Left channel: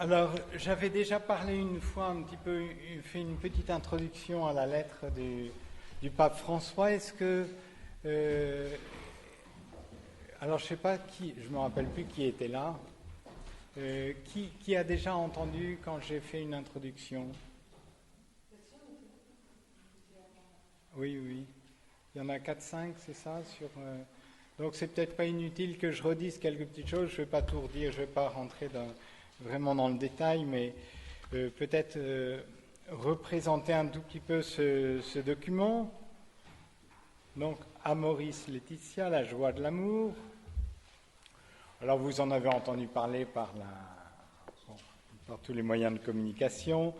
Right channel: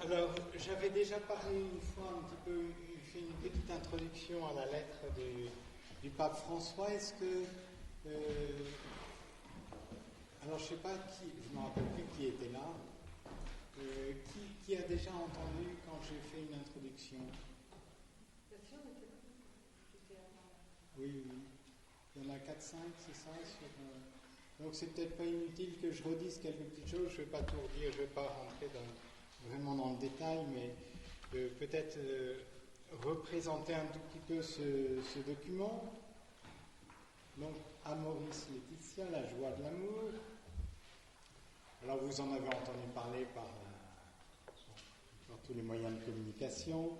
Alors, j'avais déjà parlé une fois un petit peu, fait une petite introduction à la lettre du pape François. Est-ce que, alors je ne sais pas qui, je me rappelle plus qui était là, qui a déjà entendu quand j'ai fait une introduction? Oui, oui. Il y en a 4-5, c'est ça donc c'est peut-être pas inutile que je redise quelques petites choses. Je ne vais pas tout redire, je ne vais pas rentrer vraiment dans le détail, mais peut-être représenter un tout petit peu ce document. Donc, Amoris Laetitia, la joie de l'amour. Alors, vous en avez entendu parler par tous les moyens de communication.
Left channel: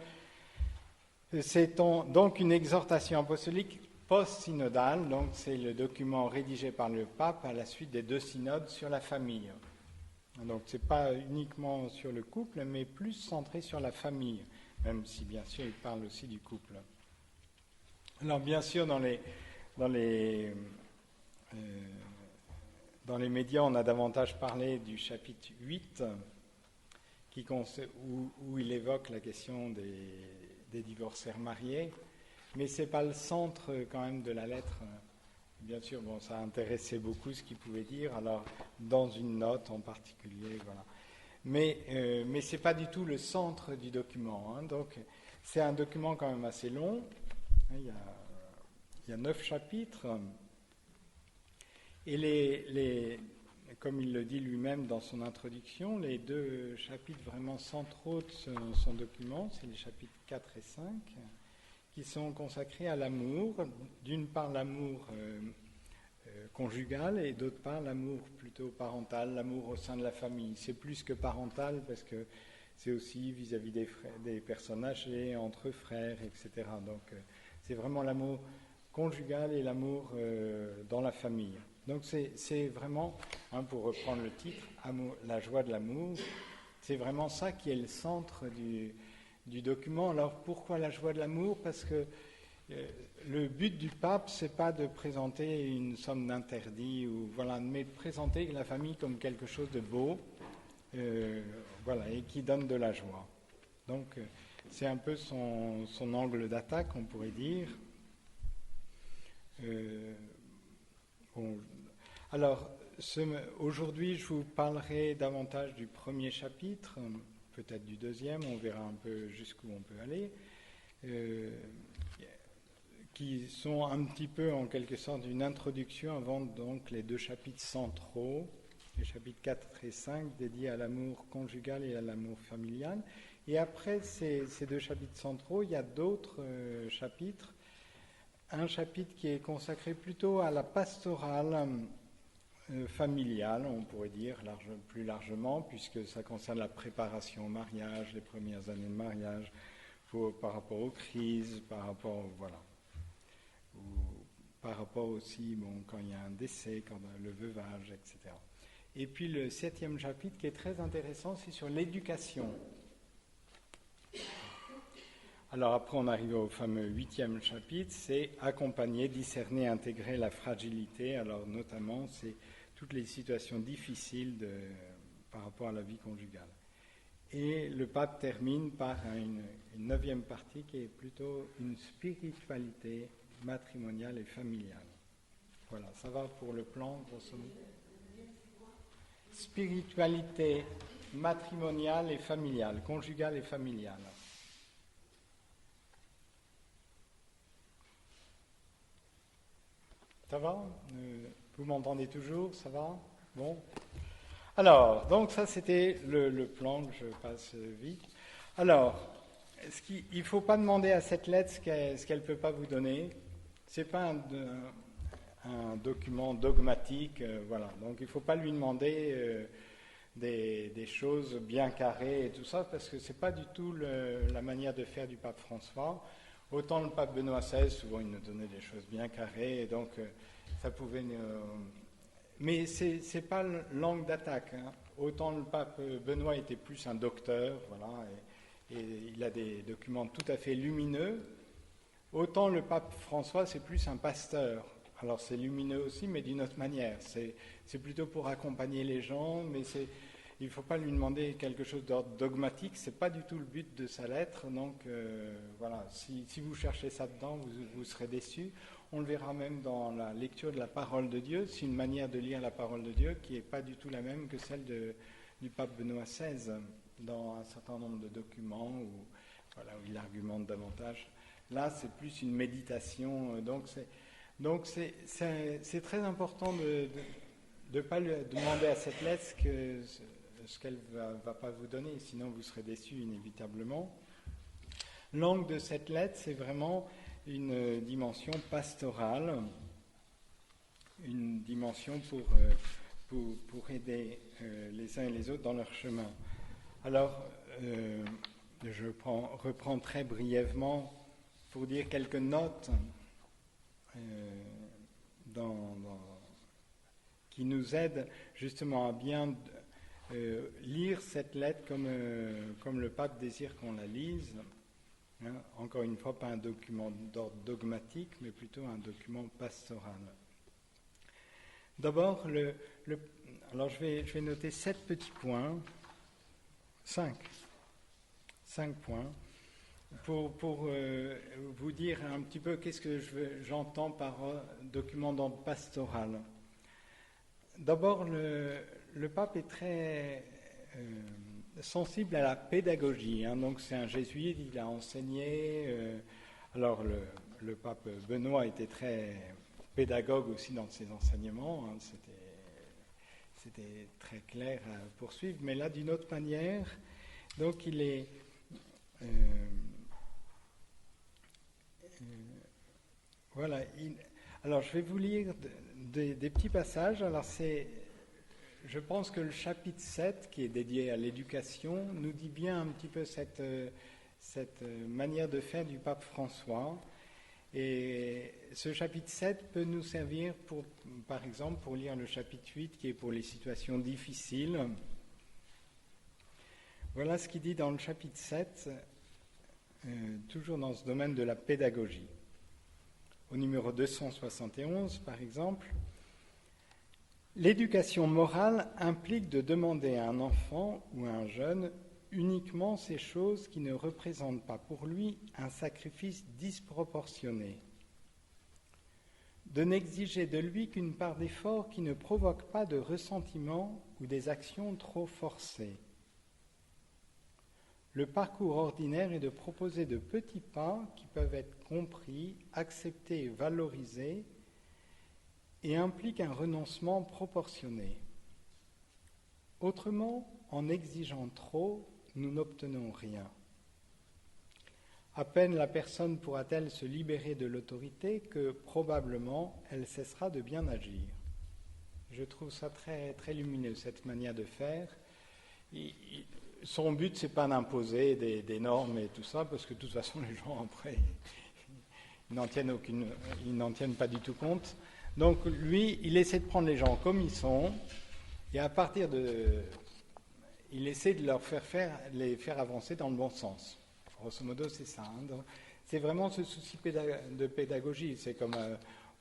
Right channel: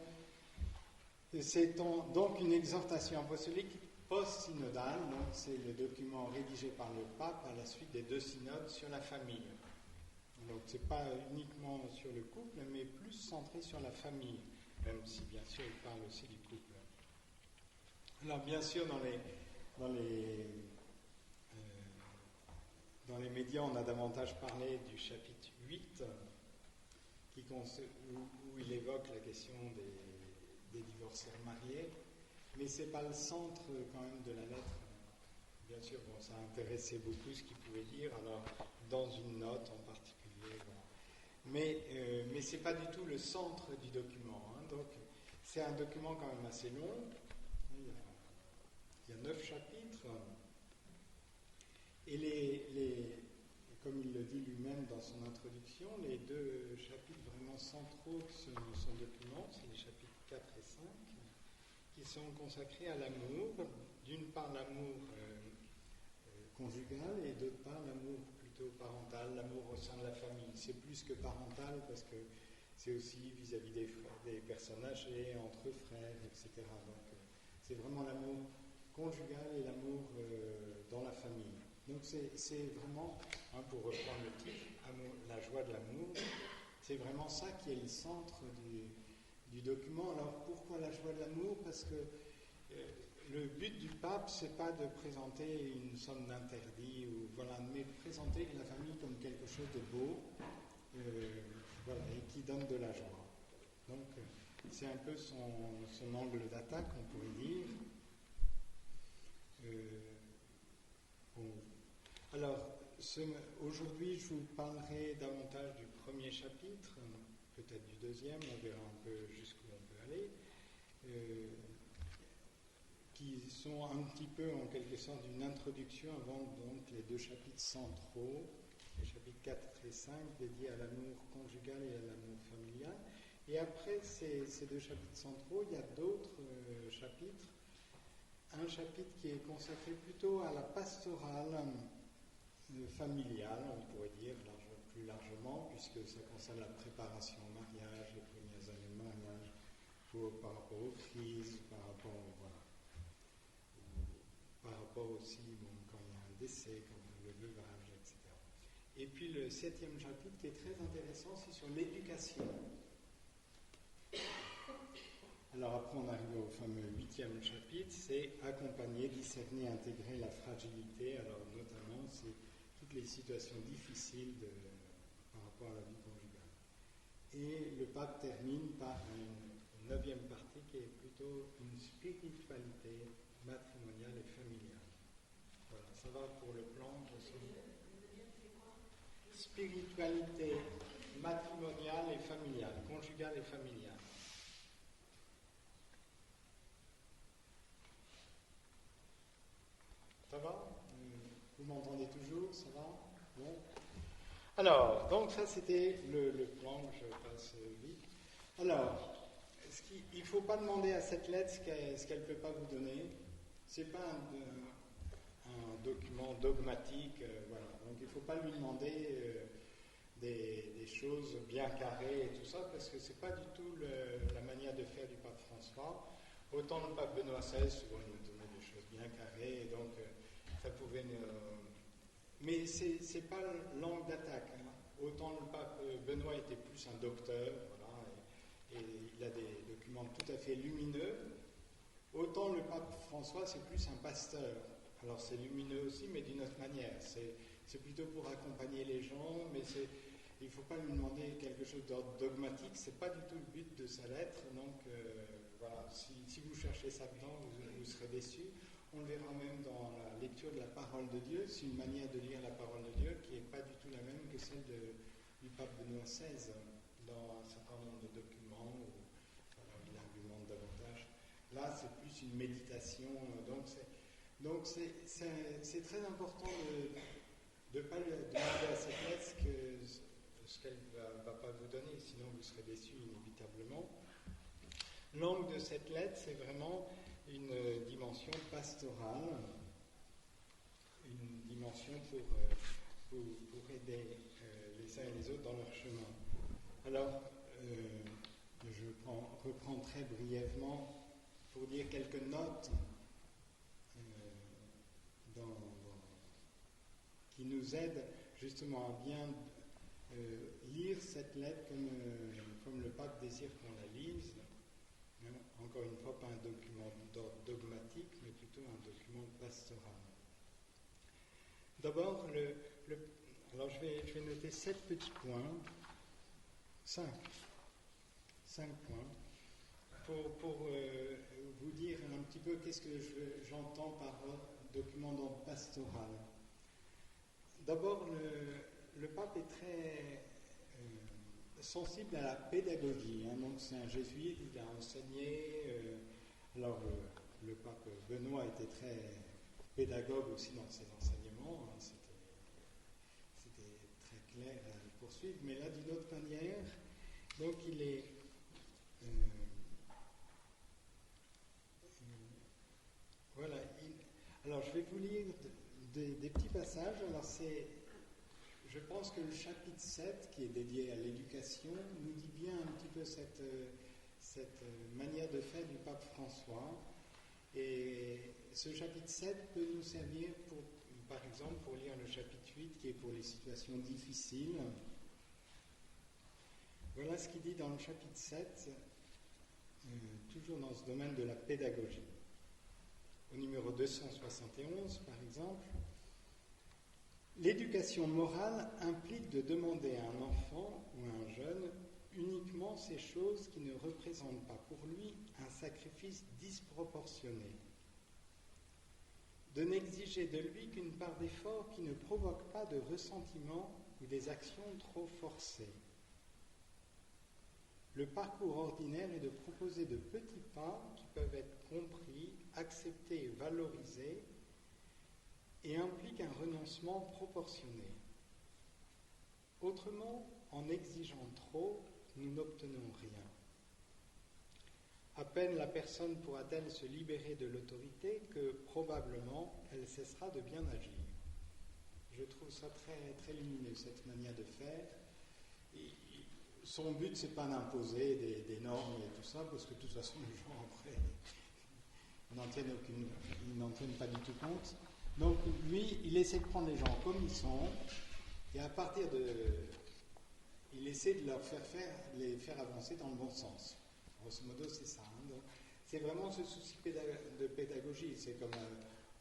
C'est donc une exhortation apostolique post-synodale, donc c'est le document rédigé par le pape à la suite des 2 synodes sur la famille. Donc ce n'est pas uniquement sur le couple, mais plus centré sur la famille, même si bien sûr il parle aussi du couple. Alors bien sûr dans les médias on a davantage parlé du chapitre 8 où il évoque la question des divorcés mariés, mais ce n'est pas le centre quand même de la lettre. Bien sûr, bon, ça a intéressé beaucoup ce qu'il pouvait dire, alors dans une note en particulier, voilà. Mais ce n'est pas du tout le centre du document. Donc, c'est un document quand même assez long. Il y a 9 chapitres. Et comme il le dit lui-même dans son introduction, les 2 chapitres vraiment centraux de son document, c'est les chapitres 4 et 5, qui sont consacrés à l'amour. D'une part, l'amour conjugal et d'autre part l'amour plutôt parental, l'amour au sein de la famille. C'est plus que parental parce que c'est aussi vis-à-vis des personnes âgées, entre frères, etc. Donc c'est vraiment l'amour conjugal et l'amour dans la famille. Donc c'est vraiment, pour reprendre le titre, la joie de l'amour, c'est vraiment ça qui est le centre du document. Alors pourquoi la joie de l'amour? Parce que le but du pape, c'est pas de présenter une somme d'interdits, mais de présenter la famille comme quelque chose de beau, et qui donne de la joie. Donc, c'est un peu son angle d'attaque, on pourrait dire. Alors, aujourd'hui, je vous parlerai davantage du premier chapitre, peut-être du deuxième, on verra un peu jusqu'où on peut aller. Qui sont un petit peu en quelque sorte une introduction avant donc les 2 chapitres centraux, les chapitres 4 et 5 dédiés à l'amour conjugal et à l'amour familial. Et après ces 2 chapitres centraux, il y a d'autres chapitres. Un chapitre qui est consacré plutôt à la pastorale familiale, on pourrait dire plus largement, puisque ça concerne la préparation au mariage, les premières années de mariage, par rapport aux crises, par rapport par rapport aussi, quand il y a un décès, quand le veuvage, etc. Et puis le 7e chapitre qui est très intéressant, c'est sur l'éducation. Alors après on arrive au fameux 8e chapitre, c'est accompagner, discerner, intégrer la fragilité. Alors notamment, c'est toutes les situations difficiles par rapport à la vie conjugale. Et le pape termine par une 9e partie qui est plutôt une spiritualité matrimoniale et familiale. Voilà, ça va pour le plan, grosso modo. Spiritualité matrimoniale et familiale, conjugale et familiale. Ça va? Vous m'entendez toujours? Ça va? Bon. Alors, donc ça c'était le plan, je passe vite. Alors, il ne faut pas demander à cette lettre ce qu'elle ne peut pas vous donner. Ce n'est pas un document dogmatique, voilà. Donc il ne faut pas lui demander des choses bien carrées et tout ça, parce que ce n'est pas du tout la manière de faire du pape François. Autant le pape Benoît XVI, souvent il nous donnait des choses bien carrées, et donc ça pouvait... mais ce n'est pas l'angle d'attaque. Autant le pape Benoît était plus un docteur, voilà, et il a des documents tout à fait lumineux. Autant le pape François, c'est plus un pasteur. Alors c'est lumineux aussi, mais d'une autre manière. C'est plutôt pour accompagner les gens, mais il ne faut pas lui demander quelque chose d'ordre dogmatique, ce n'est pas du tout le but de sa lettre, donc voilà, si vous cherchez ça dedans, vous serez déçus. On le verra même dans la lecture de la parole de Dieu, c'est une manière de lire la parole de Dieu qui n'est pas du tout la même que celle du pape Benoît XVI, dans un certain nombre de documents où, voilà, où il argumente davantage. Là, c'est plus une méditation, donc c'est très important de ne pas lui demander à cette lettre ce qu'elle ne va pas vous donner, sinon vous serez déçus inévitablement. L'angle de cette lettre, c'est vraiment une dimension pastorale, une dimension pour aider les uns et les autres dans leur chemin. Alors, je reprends très brièvement pour dire quelques notes qui nous aident justement à bien lire cette lettre comme le pape désire qu'on la lise. Hein, encore une fois, pas un document d'ordre dogmatique, mais plutôt un document pastoral. D'abord, alors je vais noter 7 petits points, 5 points, pour vous dire un petit peu qu'est-ce que j'entends par document d'ordre pastoral. D'abord, le pape est très sensible à la pédagogie, hein, donc c'est un jésuite, il a enseigné. Alors le pape Benoît était très pédagogue aussi dans ses enseignements, hein, c'était très clair à poursuivre, mais là d'une autre manière. Donc il est voilà. Alors je vais vous lire des petits passages. Alors je pense que le chapitre 7, qui est dédié à l'éducation, nous dit bien un petit peu cette manière de faire du pape François. Et ce chapitre 7 peut nous servir, par exemple, pour lire le chapitre 8, qui est pour les situations difficiles. Voilà ce qu'il dit dans le chapitre 7, toujours dans ce domaine de la pédagogie. Au numéro 271, par exemple, l'éducation morale implique de demander à un enfant ou à un jeune uniquement ces choses qui ne représentent pas pour lui un sacrifice disproportionné, de n'exiger de lui qu'une part d'effort qui ne provoque pas de ressentiment ou des actions trop forcées. Le parcours ordinaire est de proposer de petits pas qui peuvent être compris, acceptés et valorisés et impliquent un renoncement proportionné. Autrement, en exigeant trop, nous n'obtenons rien. À peine la personne pourra-t-elle se libérer de l'autorité que probablement elle cessera de bien agir. Je trouve ça très, très lumineux, cette manière de faire. Son but, c'est pas d'imposer des normes et tout ça, parce que de toute façon, les gens, après, ils n'en tiennent pas du tout compte. Donc, lui, il essaie de prendre les gens comme ils sont, et à partir il essaie de les faire avancer dans le bon sens. Grosso modo, c'est ça. Hein. Donc, c'est vraiment ce souci de pédagogie. C'est comme,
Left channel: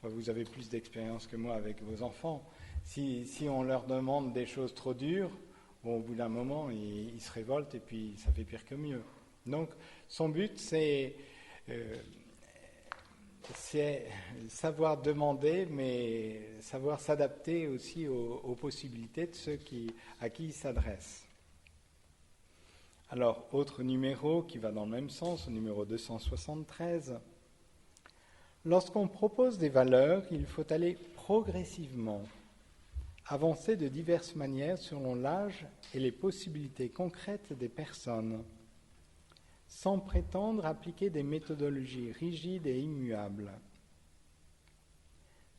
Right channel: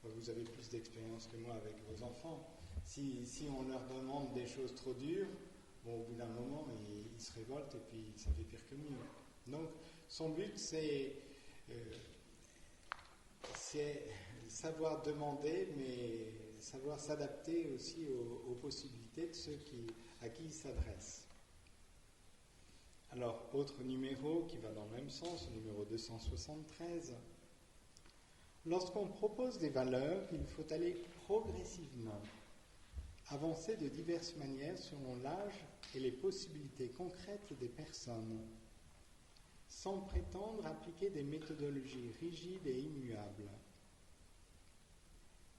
vous avez plus d'expérience que moi avec vos enfants. Si on leur demande des choses trop dures, bon, au bout d'un moment, ils se révoltent et puis ça fait pire que mieux. Donc, son but, c'est savoir demander, mais savoir s'adapter aussi aux possibilités de ceux à qui il s'adresse. Alors, autre numéro qui va dans le même sens, au numéro 273. Lorsqu'on propose des valeurs, il faut aller progressivement, avancer de diverses manières selon l'âge et les possibilités concrètes des personnes, sans prétendre appliquer des méthodologies rigides et immuables.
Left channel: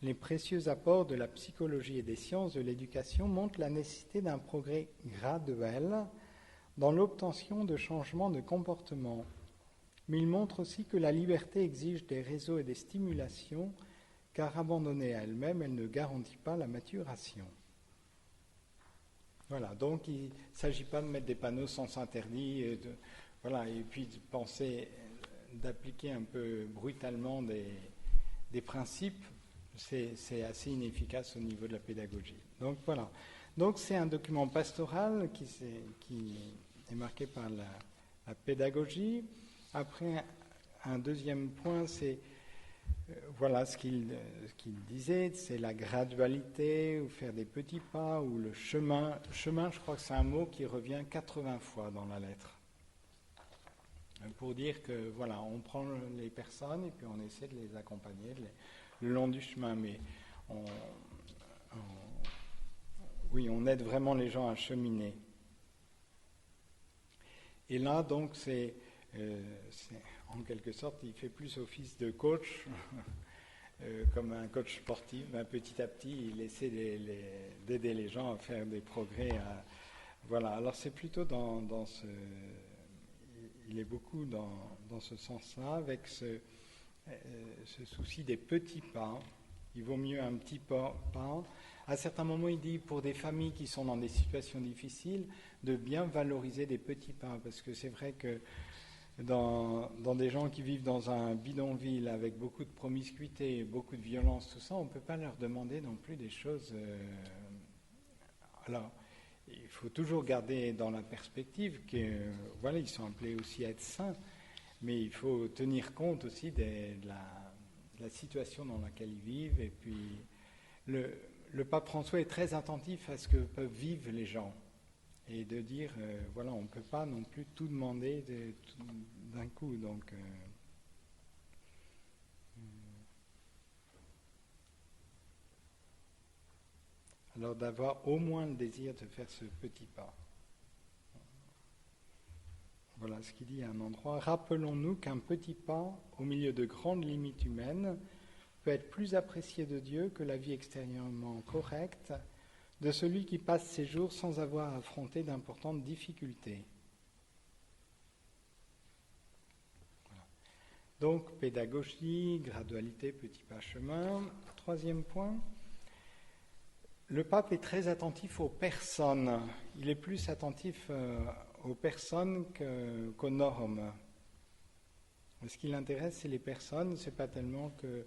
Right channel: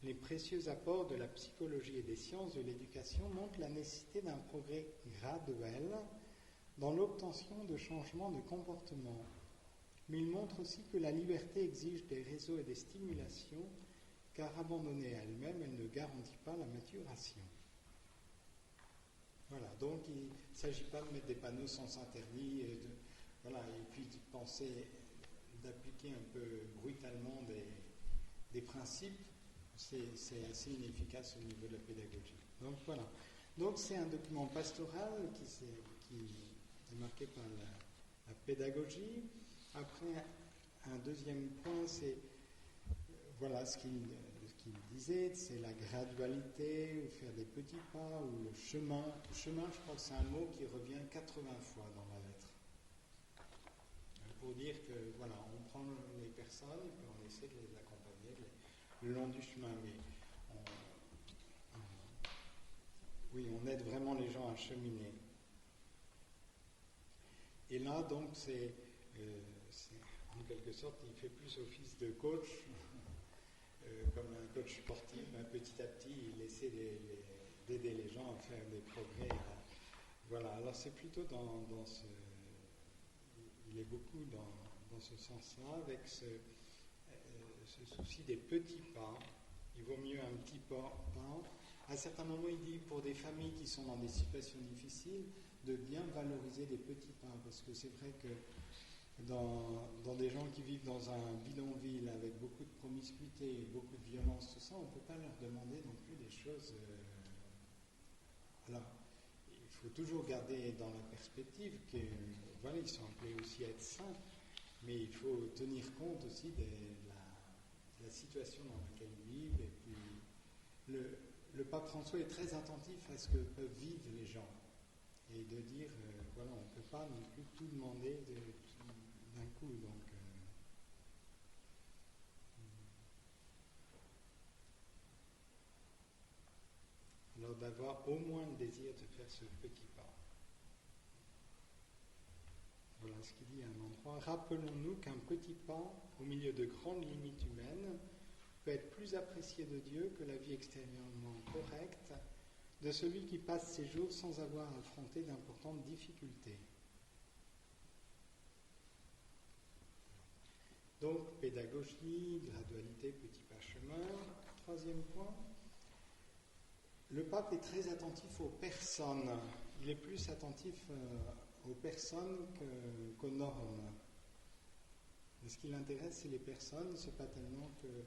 Les précieux apports de la psychologie et des sciences de l'éducation montrent la nécessité d'un progrès graduel dans l'obtention de changements de comportement. Mais il montre aussi que la liberté exige des réseaux et des stimulations, car abandonnée à elle-même, elle ne garantit pas la maturation. Voilà, donc il ne s'agit pas de mettre des panneaux sens interdit et puis de penser d'appliquer un peu brutalement des principes, c'est assez inefficace au niveau de la pédagogie. Donc voilà. Donc c'est un document pastoral qui est marqué par la pédagogie. Après, un deuxième point, c'est voilà ce qu'il disait, c'est la gradualité, ou faire des petits pas, ou le chemin. Chemin, je crois que c'est un mot qui revient 80 fois dans la lettre. Pour dire que voilà, on prend les personnes et puis on essaie de les accompagner le long du chemin, mais on aide vraiment les gens à cheminer. Et là, donc, c'est en quelque sorte, il fait plus office de coach, comme un coach sportif. Petit à petit, il essaie d'aider les gens à faire des progrès. Voilà, alors c'est plutôt dans ce... Il est beaucoup dans ce sens-là, avec ce souci des petits pas. Il vaut mieux un petit pas. À certains moments, il dit, pour des familles qui sont dans des situations difficiles, de bien valoriser des petits pas, parce que c'est vrai que dans des gens qui vivent dans un bidonville avec beaucoup de promiscuité, beaucoup de violence, tout ça, on ne peut pas leur demander non plus des choses... Alors, il faut toujours garder dans la perspective que, voilà, ils sont appelés aussi à être saints, mais il faut tenir compte aussi de la situation dans laquelle ils vivent. Et puis, le pape François est très attentif à ce que peuvent vivre les gens. Et de dire, voilà, on ne peut pas non plus tout demander d'un coup. Donc, alors d'avoir au moins le désir de faire ce petit pas. Voilà ce qu'il dit à un endroit. Rappelons-nous qu'un petit pas, au milieu de grandes limites humaines, peut être plus apprécié de Dieu que la vie extérieurement correcte de celui qui passe ses jours sans avoir affronté d'importantes difficultés. Voilà. Donc, pédagogie, gradualité, petit pas chemin. Troisième point, le pape est très attentif aux personnes. Il est plus attentif aux personnes qu'aux normes. Ce qui l'intéresse, c'est les personnes. C'est pas tellement que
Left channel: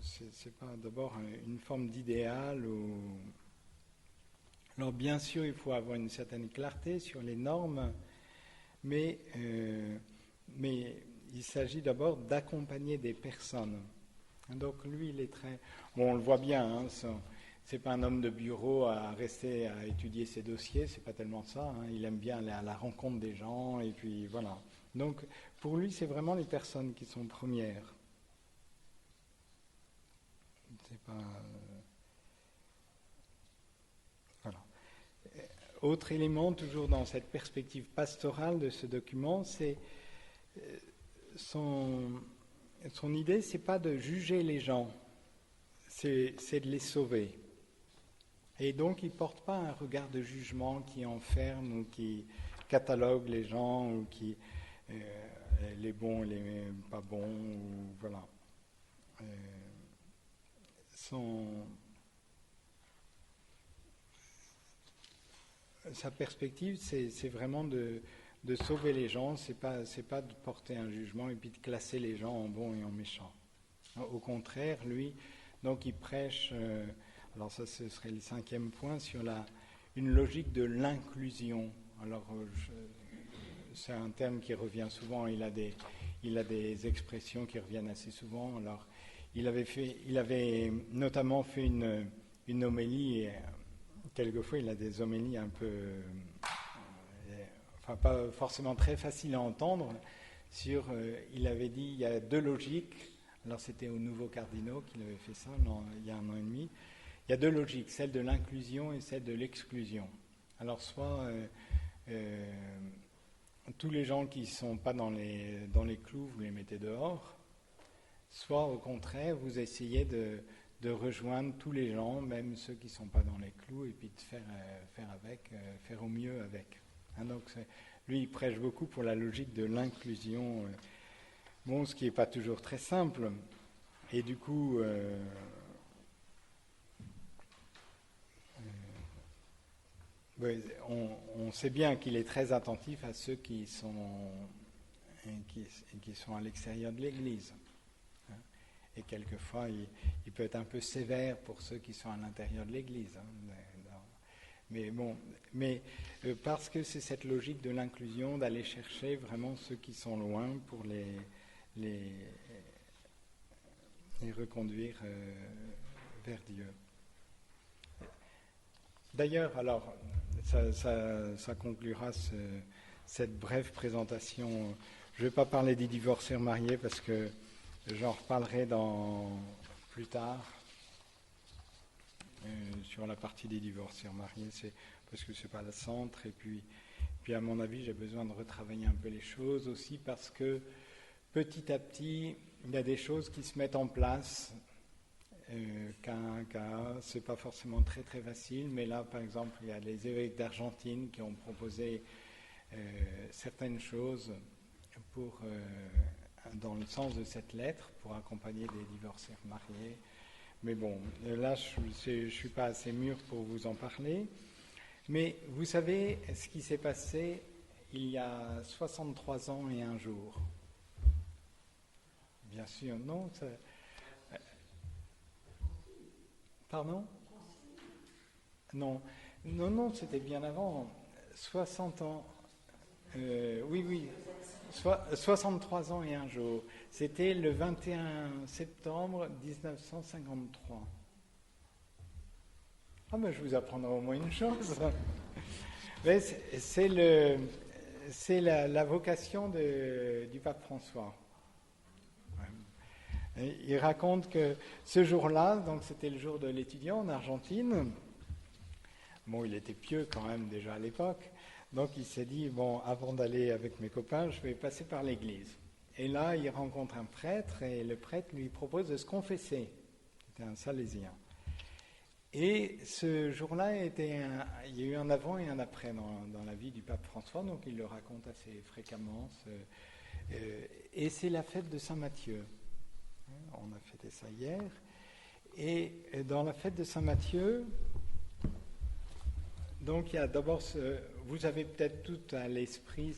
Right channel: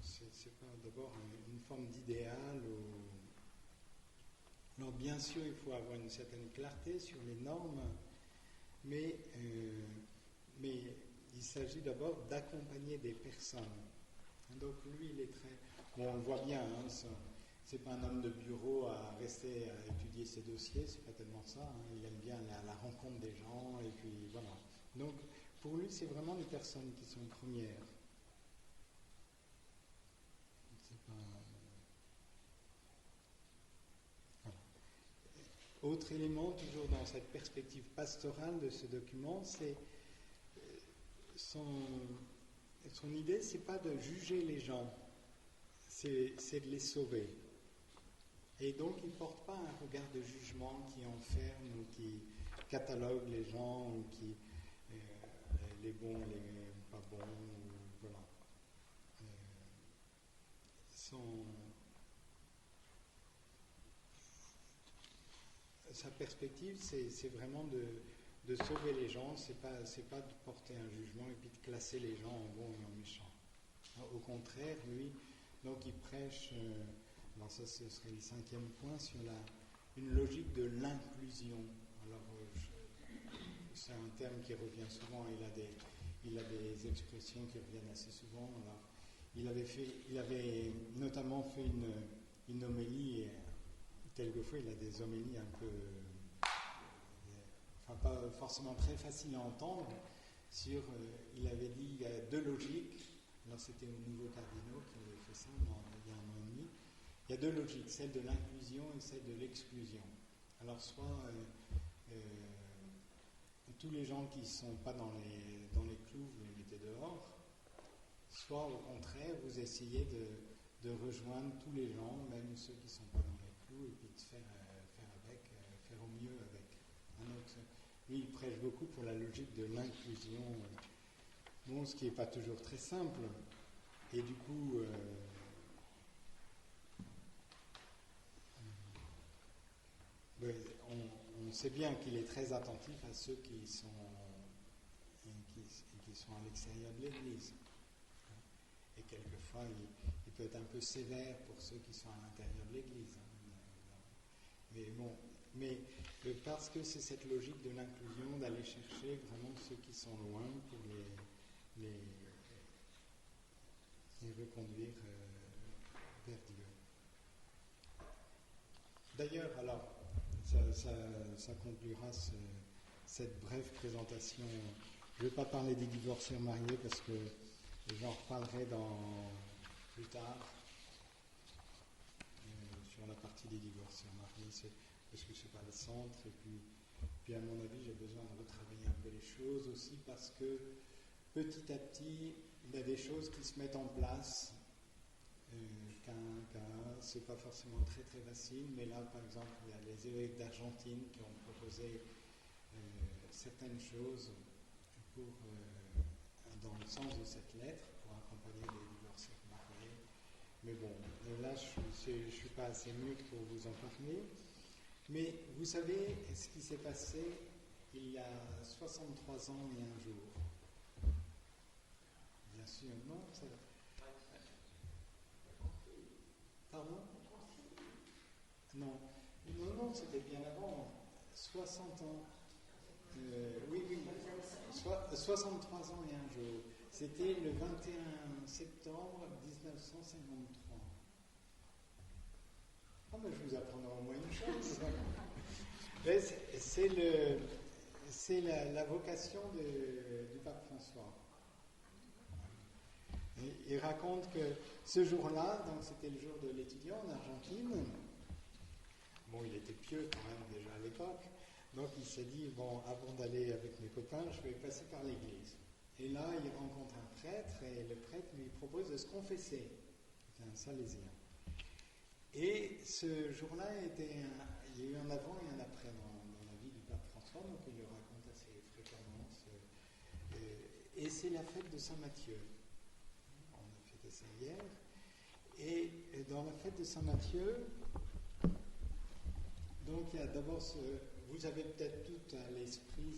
c'est pas d'abord une forme d'idéal. Alors bien sûr, il faut avoir une certaine clarté sur les normes, mais il s'agit d'abord d'accompagner des personnes. Donc lui, il est très... Bon, on le voit bien, hein, c'est pas un homme de bureau à rester à étudier ses dossiers, c'est pas tellement ça. Hein. Il aime bien aller à la rencontre des gens, et puis voilà. Donc pour lui, c'est vraiment les personnes qui sont premières. C'est pas... Voilà. Autre élément, toujours dans cette perspective pastorale de ce document, c'est son idée, c'est pas de juger les gens, c'est de les sauver. Et donc, il ne porte pas un regard de jugement qui enferme ou qui catalogue les gens ou qui les bons et les pas bons. Ou, voilà. Sa perspective, c'est vraiment de sauver les gens. C'est pas de porter un jugement et puis de classer les gens en bons et en méchants. Au contraire, lui, donc il prêche... alors ça, ce serait le 5e point, sur une logique de l'inclusion. Alors, c'est un terme qui revient souvent, il a des expressions qui reviennent assez souvent. Alors, il avait notamment fait une homélie, et quelquefois il a des homélies un peu... enfin, pas forcément très faciles à entendre, il avait dit, il y a 2 logiques. Alors, c'était aux Nouveaux Cardinaux qu'il avait fait ça, il y a 1 an et demi. Il y a 2 logiques, celle de l'inclusion et celle de l'exclusion. Alors, soit tous les gens qui ne sont pas dans les clous, vous les mettez dehors, soit au contraire, vous essayez de rejoindre tous les gens, même ceux qui ne sont pas dans les clous, et puis de faire au mieux avec. Hein, donc, lui, il prêche beaucoup pour la logique de l'inclusion. Bon, ce qui n'est pas toujours très simple. Et du coup... on sait bien qu'il est très attentif à ceux qui sont à l'extérieur de l'Église. Et quelquefois, il peut être un peu sévère pour ceux qui sont à l'intérieur de l'Église. Mais bon, parce que c'est cette logique de l'inclusion, d'aller chercher vraiment ceux qui sont loin pour les reconduire vers Dieu. D'ailleurs, alors, ça conclura cette brève présentation. Je ne vais pas parler des divorcés mariés parce que j'en reparlerai plus tard sur la partie des divorcés mariés, parce que ce n'est pas le centre. Et puis, à mon avis, j'ai besoin de retravailler un peu les choses aussi parce que petit à petit, il y a des choses qui se mettent en place. C'est pas forcément très très facile, mais là par exemple il y a les évêques d'Argentine qui ont proposé certaines choses dans le sens de cette lettre pour accompagner des divorcés mariés. Mais bon, là je suis pas assez mûr pour vous en parler. Mais vous savez ce qui s'est passé il y a 63 ans et un jour? Bien sûr, non. Pardon? Non, c'était bien avant. 60 ans. Oui. 63 ans et un jour. C'était le 21 septembre 1953. Ah ben je vous apprendrai au moins une chose. Mais c'est la vocation du pape François. Il raconte que ce jour-là, donc c'était le jour de l'étudiant en Argentine, bon, il était pieux quand même déjà à l'époque, donc il s'est dit, bon, avant d'aller avec mes copains, je vais passer par l'église. Et là, il rencontre un prêtre, et le prêtre lui propose de se confesser. C'était un salésien. Et ce jour-là, il y a eu un avant et un après dans la vie du pape François, donc il le raconte assez fréquemment. Et c'est la fête de Saint-Matthieu. On a fêté ça hier. Et dans la fête de Saint-Matthieu, donc il y a d'abord, vous avez peut-être tout à l'esprit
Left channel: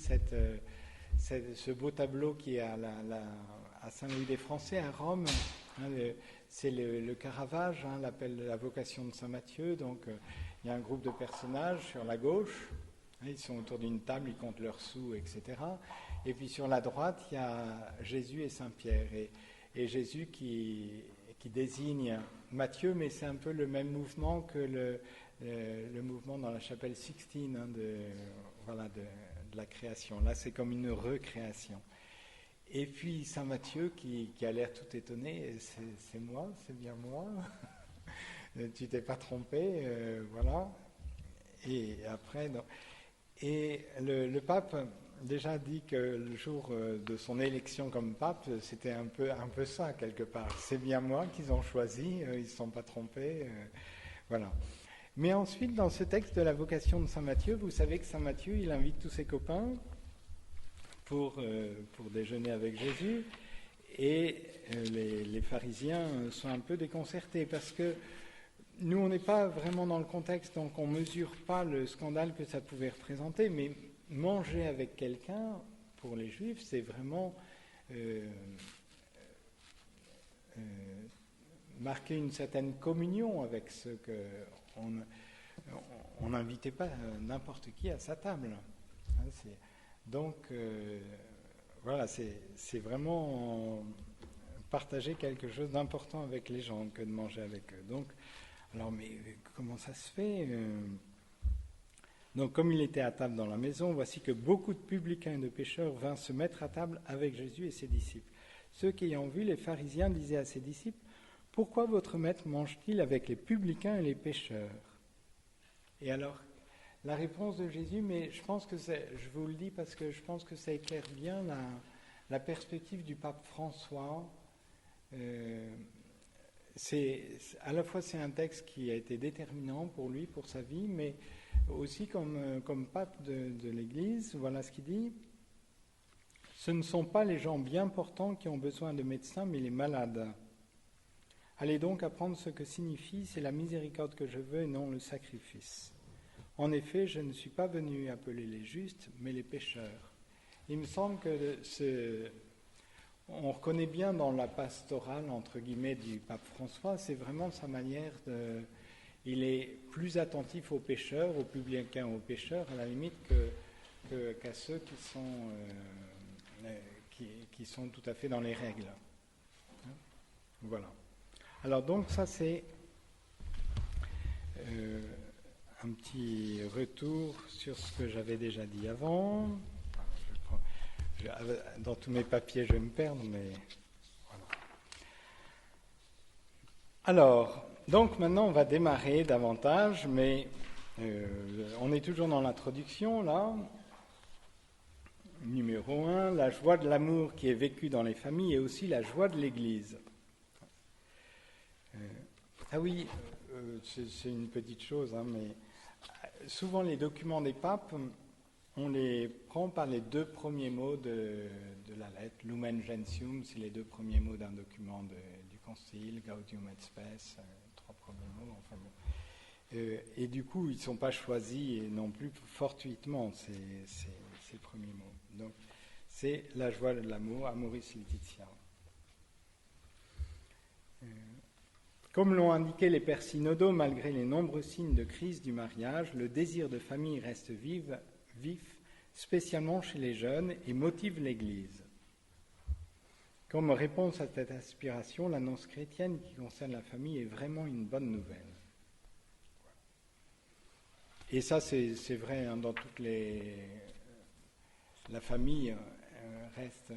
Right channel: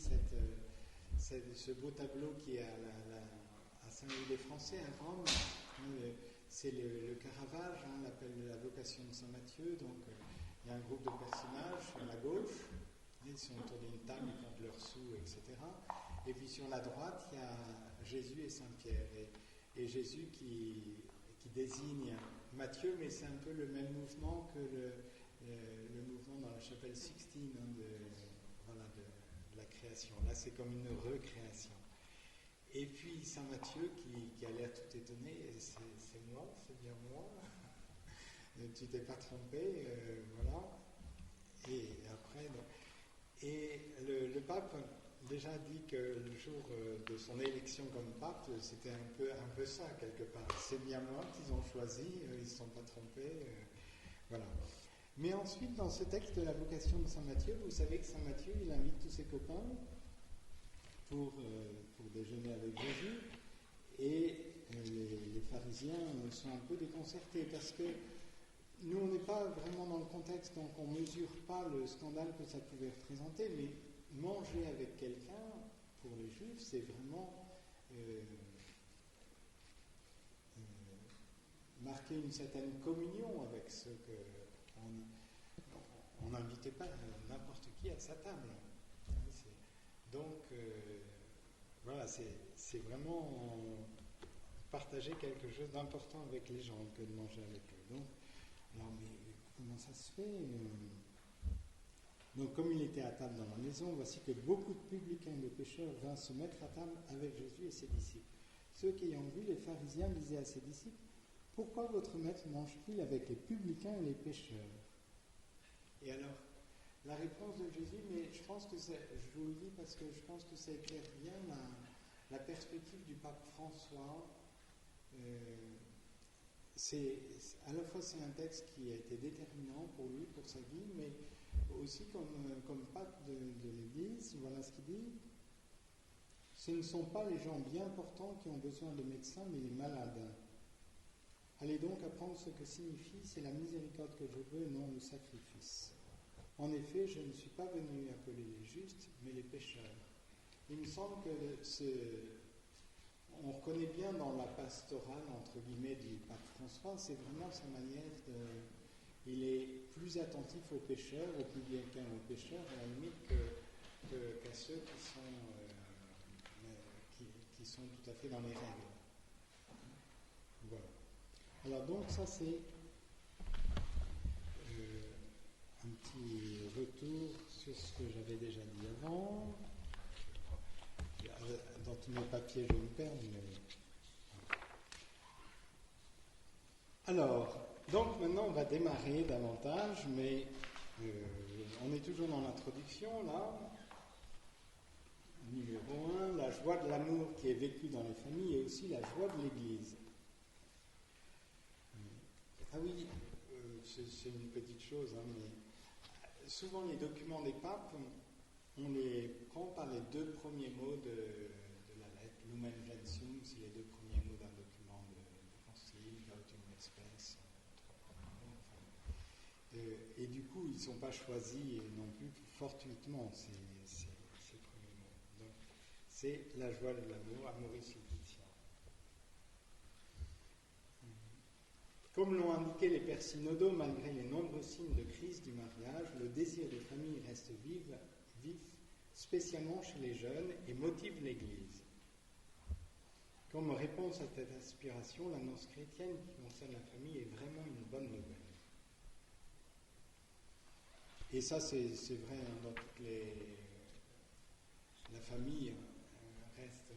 ce beau tableau qui est à Saint-Louis des Français, à Rome. C'est le Caravage, l'appel de la vocation de Saint-Matthieu. Donc il y a un groupe de personnages sur la gauche. Ils sont autour d'une table, ils comptent leurs sous, etc. Et puis sur la droite, il y a Jésus et Saint-Pierre. Et Jésus qui désigne Matthieu, mais c'est un peu le même mouvement que le mouvement dans la chapelle Sixtine de la création. Là, c'est comme une recréation. Et puis Saint Matthieu qui a l'air tout étonné, c'est moi, c'est bien moi. Tu t'es pas trompé, voilà. Et après, le pape déjà dit que le jour de son élection comme pape, c'était un peu ça, quelque part. C'est bien moi qu'ils ont choisi, ils ne se sont pas trompés, voilà. Mais ensuite, dans ce texte de la vocation de Saint Matthieu, vous savez que Saint Matthieu, il invite tous ses copains pour déjeuner avec Jésus, et les pharisiens sont un peu déconcertés, parce que nous, on n'est pas vraiment dans le contexte, donc on ne mesure pas le scandale que ça pouvait représenter, mais manger avec quelqu'un, pour les Juifs, c'est vraiment marquer une certaine communion avec ceux qu'on n'invitait pas n'importe qui à sa table. Donc, voilà, c'est vraiment partager quelque chose d'important avec les gens que de manger avec eux. Donc, alors, mais comment ça se fait Donc, comme il était à table dans la maison, voici que beaucoup de publicains et de pécheurs vinrent se mettre à table avec Jésus et ses disciples. Ceux qui ayant vu les pharisiens disaient à ses disciples, « Pourquoi votre maître mange-t-il avec les publicains et les pécheurs ?» Et alors, la réponse de Jésus, mais je pense que je vous le dis parce que je pense que ça éclaire bien la perspective du pape François. À la fois c'est un texte qui a été déterminant pour lui, pour sa vie, mais aussi comme pape de l'Église. Voilà ce qu'il dit. Ce ne sont pas les gens bien portants qui ont besoin de médecins, mais les malades. Allez donc apprendre ce que signifie, c'est la miséricorde que je veux et non le sacrifice. En effet, je ne suis pas venu appeler les justes, mais les pécheurs. Il me semble que on reconnaît bien dans la pastorale, entre guillemets, du pape François, c'est vraiment sa manière de... il est plus attentif aux pécheurs, aux publicains, aux pécheurs, à la limite, qu'à ceux qui sont tout à fait dans les règles. Voilà. Alors donc ça c'est un petit retour sur ce que j'avais déjà dit avant. Dans tous mes papiers je vais me perdre, mais voilà. Alors, donc maintenant on va démarrer davantage, mais on est toujours dans l'introduction là. Numéro 1, la joie de l'amour qui est vécue dans les familles et aussi la joie de l'Église. Ah oui, c'est une petite chose, hein, mais souvent les documents des papes, on les prend par les deux premiers mots de la lettre. Lumen Gentium, c'est les deux premiers mots d'un document du Concile, Gaudium et Spes, trois premiers mots. Enfin bon. Et du coup, ils ne sont pas choisis non plus fortuitement, ces premiers mots. Donc, c'est la joie de l'amour, Amoris Laetitia. Comme l'ont indiqué les pères synodaux, malgré les nombreux signes de crise du mariage, le désir de famille reste vif, spécialement chez les jeunes, et motive l'Église. Comme réponse à cette aspiration, l'annonce chrétienne qui concerne la famille est vraiment une bonne nouvelle. Et ça, c'est vrai hein, dans toutes les... La famille reste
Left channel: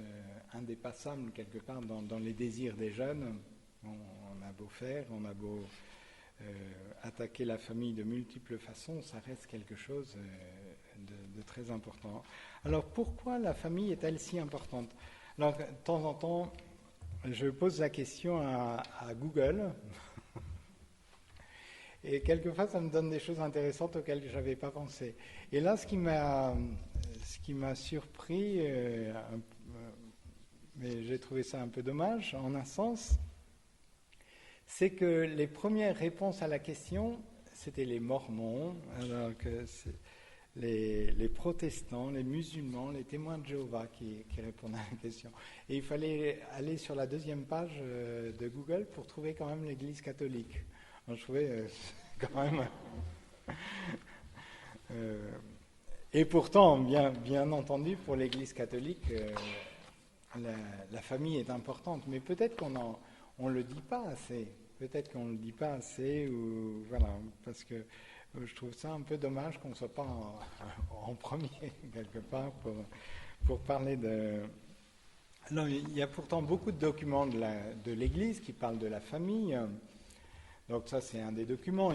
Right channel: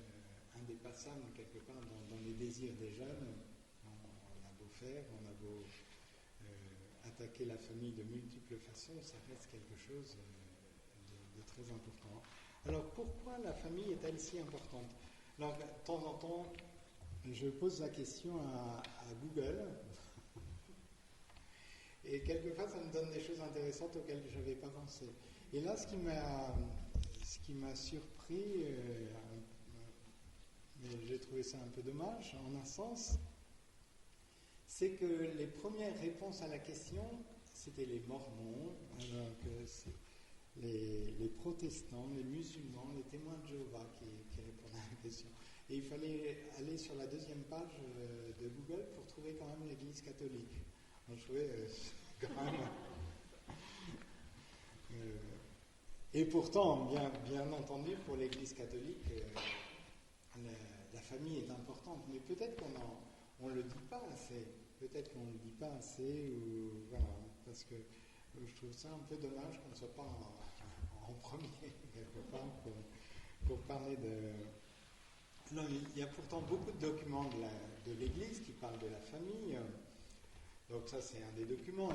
indépassable quelque part dans les désirs des jeunes. On a beau faire, on a beau attaquer la famille de multiples façons, ça reste quelque chose de très important. Alors pourquoi la famille est-elle si importante? Alors de temps en temps, je pose la question à Google, et quelquefois ça me donne des choses intéressantes auxquelles je n'avais pas pensé. Et là, ce qui m'a surpris, mais j'ai trouvé ça un peu dommage, en un sens, c'est que les premières réponses à la question, c'était les mormons, alors que les protestants, les musulmans, les témoins de Jéhovah qui répondaient à la question. Et il fallait aller sur la deuxième page de Google pour trouver quand même l'Église catholique. Alors, je trouvais quand même... et pourtant, bien entendu, pour l'Église catholique, la famille est importante, mais peut-être qu'on ne le dit pas assez. Peut-être qu'on ne le dit pas assez, ou, voilà, parce que je trouve ça un peu dommage qu'on ne soit pas en premier, quelque part, pour parler de... Alors, il y a pourtant beaucoup de documents de l'Église qui parlent de la famille. Donc ça, c'est un des documents.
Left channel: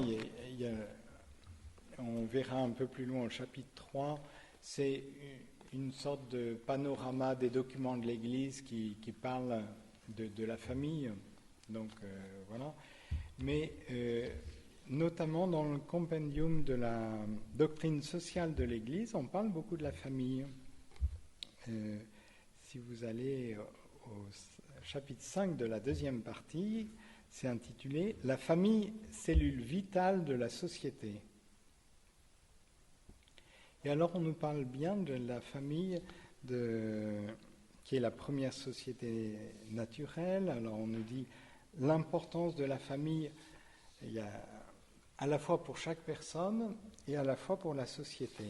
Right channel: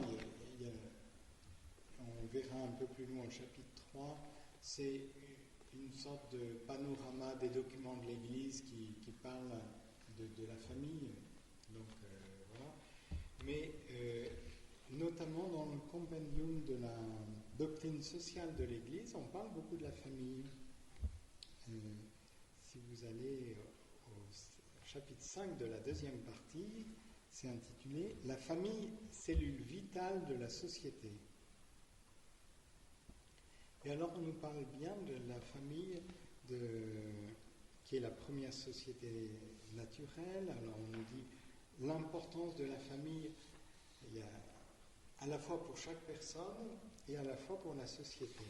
On verra un peu plus loin au chapitre 3, c'est une sorte de panorama des documents de l'Église qui parlent de la famille. Donc voilà. Mais notamment dans le compendium de la doctrine sociale de l'Église, on parle beaucoup de la famille. Si vous allez au chapitre 5 de la deuxième partie, c'est intitulé « La famille, cellule vitale de la société ». Et alors on nous parle bien de la famille qui est la première société naturelle. Alors on nous dit l'importance de la famille, il y a à la fois pour chaque personne et à la fois pour la société.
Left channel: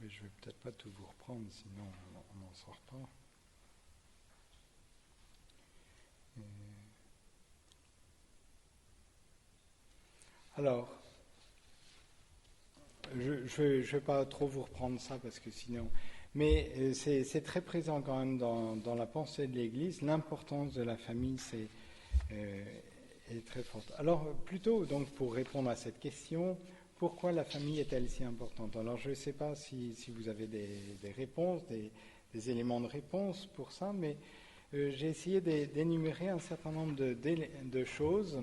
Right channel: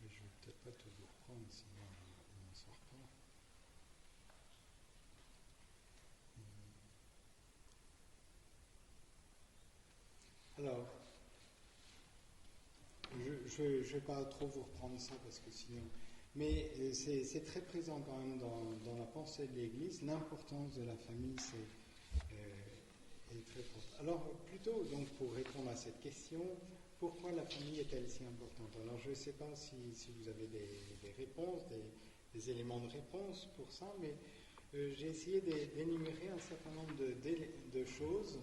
Mais je ne vais peut-être pas tout vous reprendre, sinon on n'en sort pas. Alors, je ne vais pas trop vous reprendre ça parce que sinon... Mais c'est très présent quand même dans la pensée de l'Église. L'importance de la famille est très forte. Alors, plutôt donc pour répondre à cette question, pourquoi la famille est-elle si importante? Alors, je ne sais pas si vous avez des réponses, des éléments de réponse pour ça, mais j'ai essayé d'énumérer un certain nombre de choses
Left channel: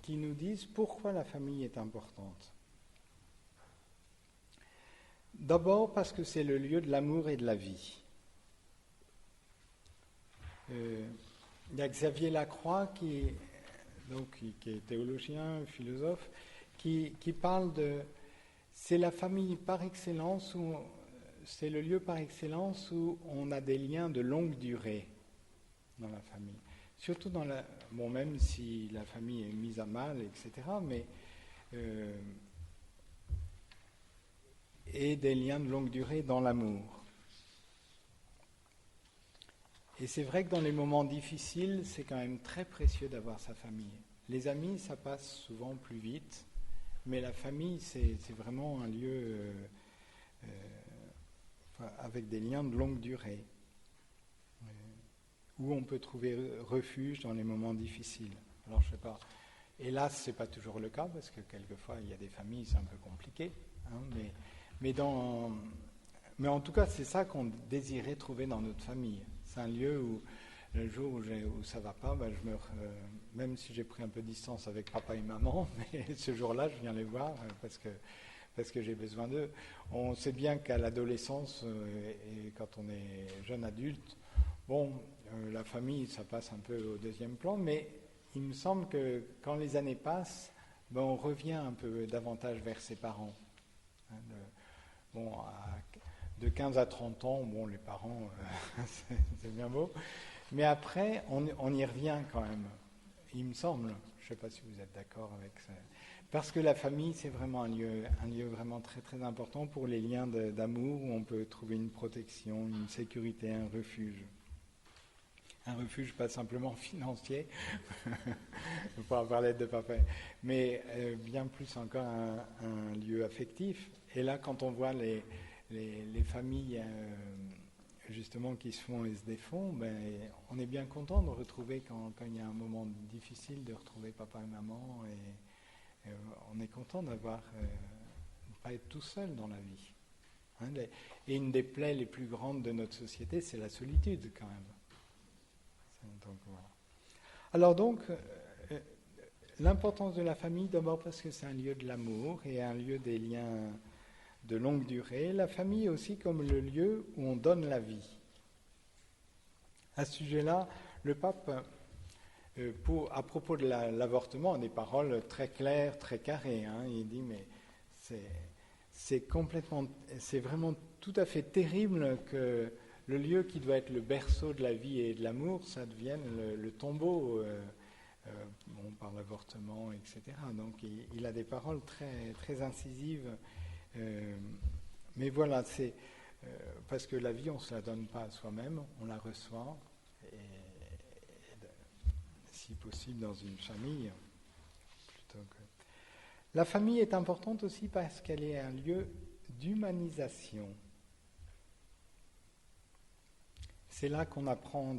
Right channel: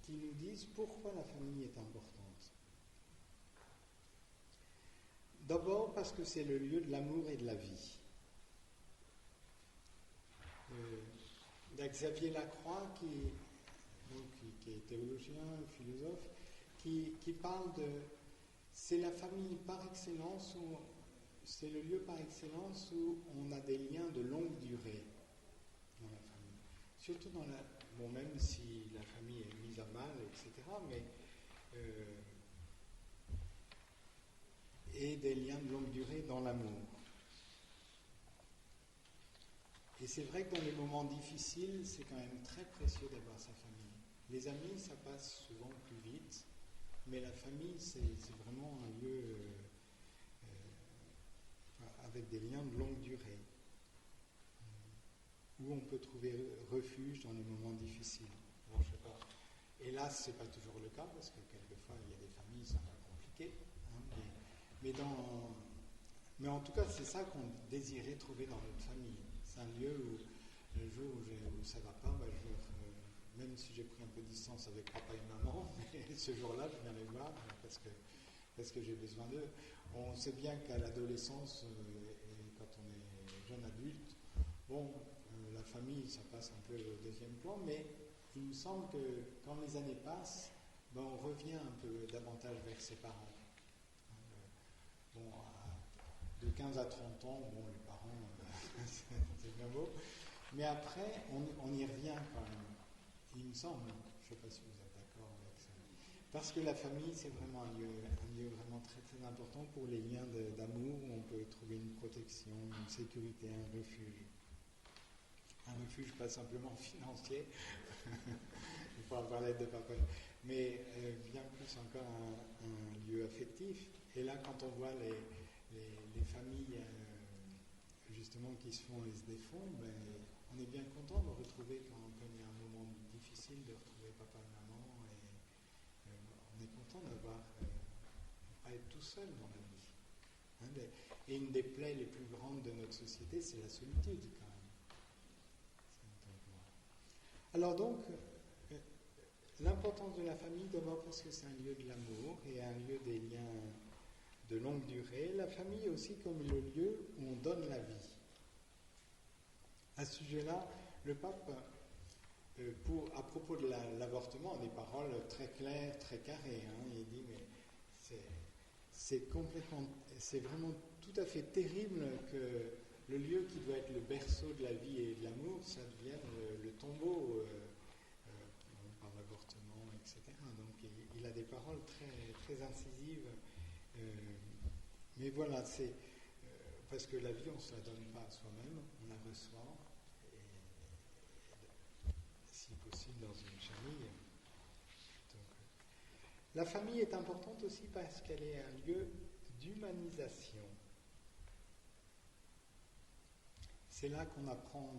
qui nous disent pourquoi la famille est importante. D'abord parce que c'est le lieu de l'amour et de la vie. Il y a Xavier Lacroix qui est théologien, philosophe, qui parle de... C'est la famille par excellence, c'est le lieu par excellence où on a des liens de longue durée dans la famille. surtout bon, même si la famille est mise à mal, etc., mais et des liens de longue durée dans l'amour. Et c'est vrai que dans les moments difficiles, c'est quand même très précieux d'avoir sa famille. Les amis, ça passe souvent plus vite, mais la famille, c'est vraiment un lieu avec des liens de longue durée, où on peut trouver refuge dans les moments difficiles. Alors, je sais pas, hélas, c'est pas toujours le cas, parce que quelquefois, il y a des familles, c'est un peu compliqué, hein, mais en tout cas, c'est ça qu'on désirait trouver dans notre famille. C'est un lieu où, le jour où ça ne va pas, ben même si j'ai pris un peu de distance avec papa et maman, mais ce jour-là, je viens les voir parce que j'ai besoin d'eux. On sait bien qu'à l'adolescence et quand on est jeune adulte, bon, la famille, ça passe un peu au deuxième plan, mais il me semble que quand les années passent, ben on revient un peu davantage vers ses parents. Hein, bon, de 15 à 30 ans, bon, les parents, c'est bien beau. Mais après, on y revient quand même, il me semble. Je ne sais pas si vous êtes d'accord avec ça. Parce que la famille, c'est vraiment un lieu vraiment très très important pour les liens d'amour où on peut trouver une protection, une sécurité, un refuge. Un refuge pas simplement financier, pour avoir l'aide de papa, mais bien plus encore un lieu affectif. Et là, quand on voit les familles justement qui se font et se défont, ben, on est bien content de retrouver quand il y a un moment difficile de retrouver papa et maman, et on est content d'avoir de ne pas être tout seul dans la vie. Hein, et une des plaies les plus grandes de notre société, c'est la solitude quand même. Donc, voilà. Alors donc, l'importance de la famille, d'abord parce que c'est un lieu de l'amour et un lieu des liens de longue durée. La famille aussi comme le lieu où on donne la vie. À ce sujet-là, le pape, à propos de l'avortement, a des paroles très claires, très carrées. Hein. Il dit, mais c'est vraiment tout à fait terrible que le lieu qui doit être le berceau de la vie et de l'amour, ça devienne le tombeau par l'avortement, etc. Donc il a des paroles très, très incisives. Mais voilà, c'est parce que la vie, on ne se la donne pas à soi-même, on la reçoit, et si possible dans une famille. La famille est importante aussi parce qu'elle est un lieu d'humanisation. C'est là qu'on apprend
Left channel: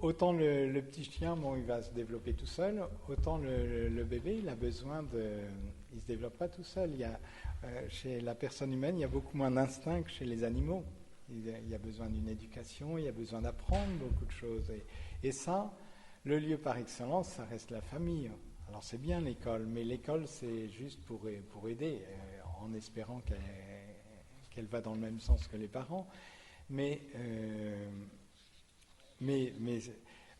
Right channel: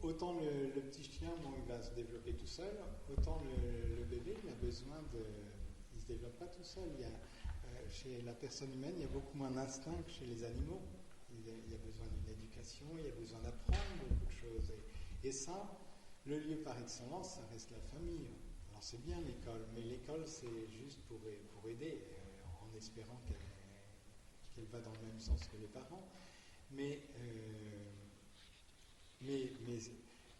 autant le petit chien, bon, il va se développer tout seul, autant le bébé, il a besoin il ne se développe pas tout seul. Chez la personne humaine, il y a beaucoup moins d'instinct que chez les animaux. Il y a besoin d'une éducation, il y a besoin d'apprendre beaucoup de choses. Et ça, le lieu par excellence, ça reste la famille. Alors c'est bien l'école, mais l'école c'est juste pour aider, en espérant qu'elle va dans le même sens que les parents. Mais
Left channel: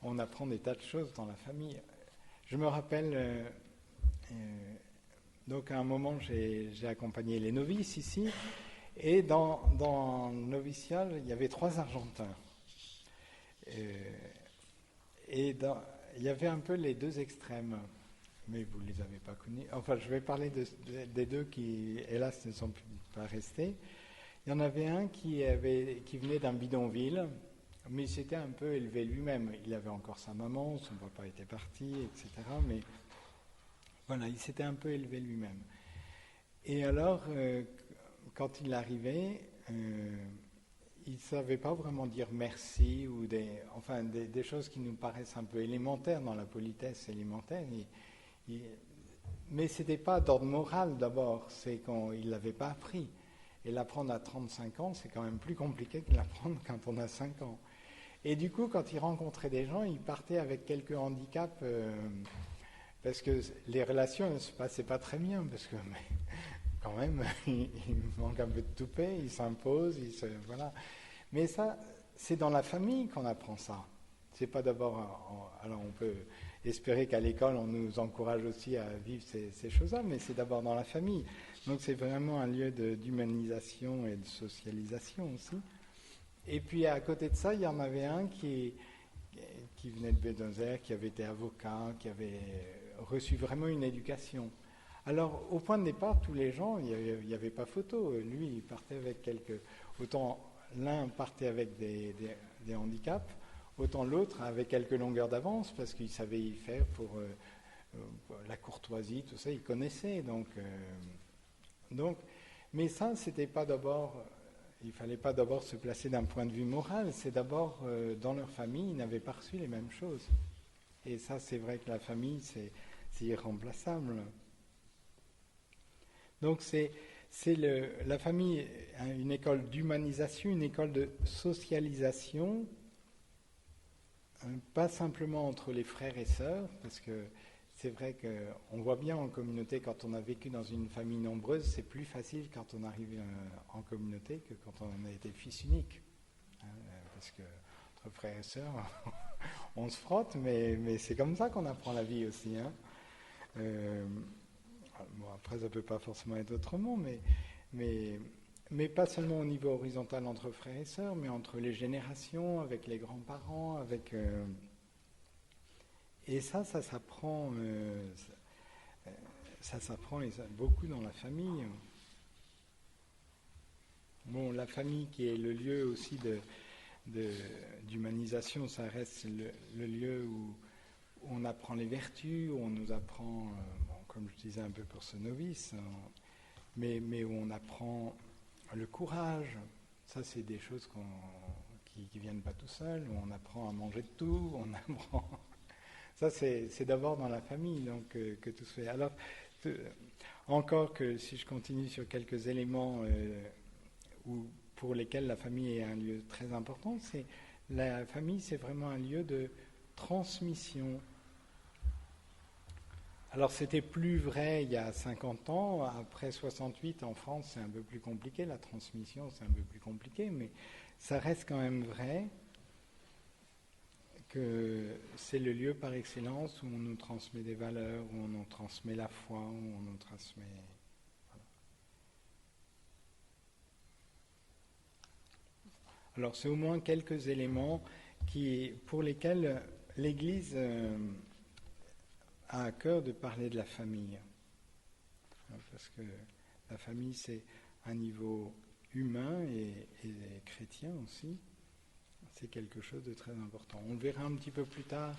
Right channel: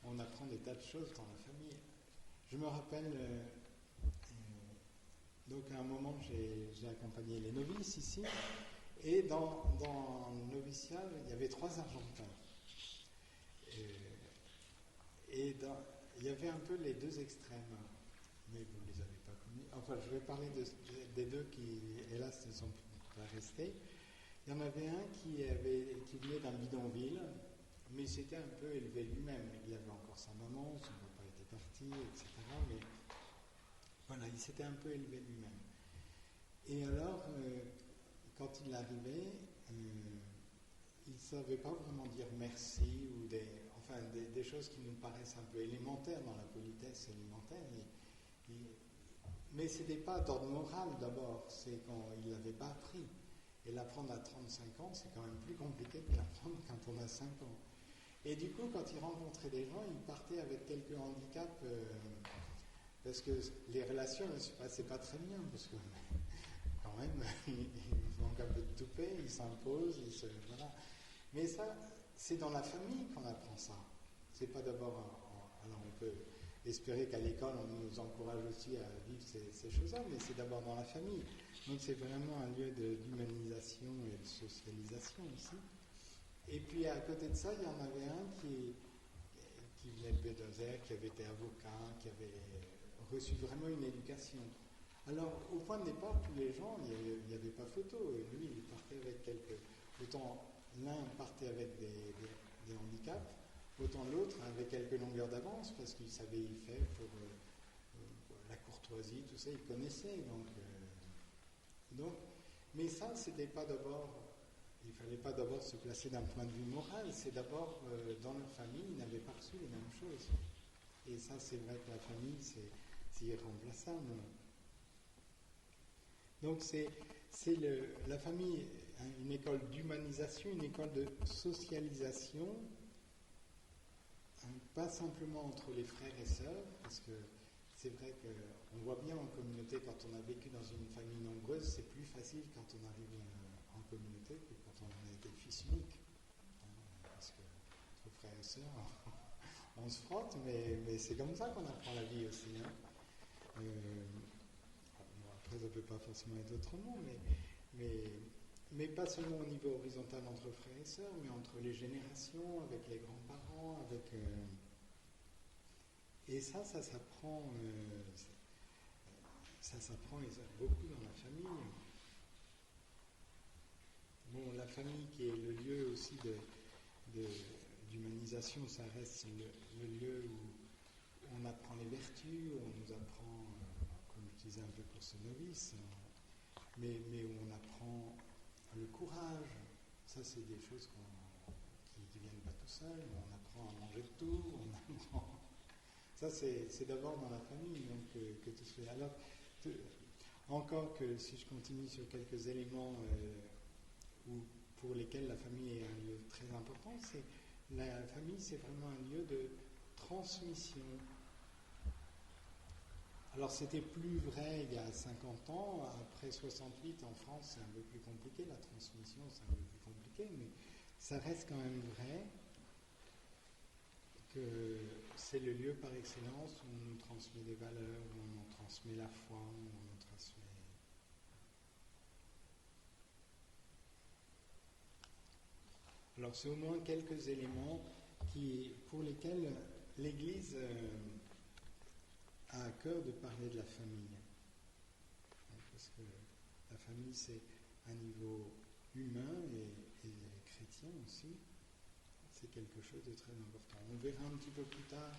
on apprend des tas de choses dans la famille. Je me rappelle, donc à un moment j'ai accompagné les novices ici, et dans le noviciat, il y avait 3 Argentins. Et il y avait un peu les deux extrêmes, mais vous ne les avez pas connus. Enfin, je vais parler des deux qui, hélas, ne sont pas restés. Il y en avait un qui venait d'un bidonville, mais il s'était un peu élevé lui-même. Il avait encore sa maman, son papa était parti, etc. Mais voilà, il s'était un peu élevé lui-même. Et alors, quand il arrivait, il ne savait pas vraiment dire merci ou des choses qui nous paraissent un peu élémentaires dans la politesse élémentaire. Mais ce n'était pas d'ordre moral d'abord, c'est qu'il ne l'avait pas appris. Et l'apprendre à 35 ans, c'est quand même plus compliqué que l'apprendre quand on a 5 ans. Et du coup, quand il rencontrait des gens, il partait avec quelques handicaps, parce que les relations ne se passaient pas très bien, parce que quand même, il manque un peu de toupet, il s'impose, voilà. Mais ça, c'est dans la famille qu'on apprend ça. C'est pas d'abord... alors on peut espérer qu'à l'école, on nous encourage aussi à vivre ces choses-là, mais c'est d'abord dans la famille. Donc c'est vraiment un lieu d'humanisation et de socialisation aussi. Et puis à côté de ça, il y en avait un qui venait de Buenos-Aires, qui avait été avocat, qui avait reçu vraiment une éducation. Alors, au point de départ, tous les gens, il n'y avait pas photo. Lui, il partait avec quelques... Autant l'un partait avec des handicaps, autant l'autre avec quelques longueurs d'avance, parce qu'il savait y faire pour la courtoisie, tout ça, il connaissait. Donc, mais ça, c'était pas d'abord... Il ne fallait pas d'abord se placer d'un point de vue moral, c'est d'abord, dans leur famille, ils n'avaient pas reçu les mêmes choses. Et ça, c'est vrai que la famille, c'est irremplaçable. Donc la famille, une école d'humanisation, une école de socialisation, pas simplement entre les frères et sœurs, parce que c'est vrai qu'on voit bien en communauté, quand on a vécu dans une famille nombreuse, c'est plus facile quand on arrive en communauté que quand on a été fils unique. Parce que entre frères et sœurs, on se frotte, mais c'est comme ça qu'on apprend la vie aussi. Bon, après, ça ne peut pas forcément être autrement, mais pas seulement au niveau horizontal entre frères et sœurs, mais entre les générations, avec les grands-parents, avec... et ça s'apprend, beaucoup dans la famille. Bon, la famille qui est le lieu aussi d'humanisation, ça reste le lieu où on apprend les vertus, où on nous apprend, comme je disais un peu pour ce novice, mais où on apprend le courage. Ça, c'est des choses qui viennent pas tout seul. On apprend à manger de tout, on apprend... Ça, c'est d'abord dans la famille donc, que tout se fait. Alors, encore que si je continue sur quelques éléments pour lesquels la famille est un lieu très important, la famille, c'est vraiment un lieu de transmission. Alors, c'était plus vrai il y a 50 ans. Après 68, en France, c'est un peu plus compliqué. La transmission, c'est un peu plus compliqué, mais ça reste quand même vrai que c'est le lieu par excellence où on nous transmet des valeurs, où on nous transmet la foi, où on nous transmet... Voilà. Alors c'est au moins quelques éléments pour lesquels l'Église a à cœur de parler de la famille. Parce que la famille, c'est un niveau humain et chrétien aussi. C'est quelque chose de très important. On verra un petit peu plus tard.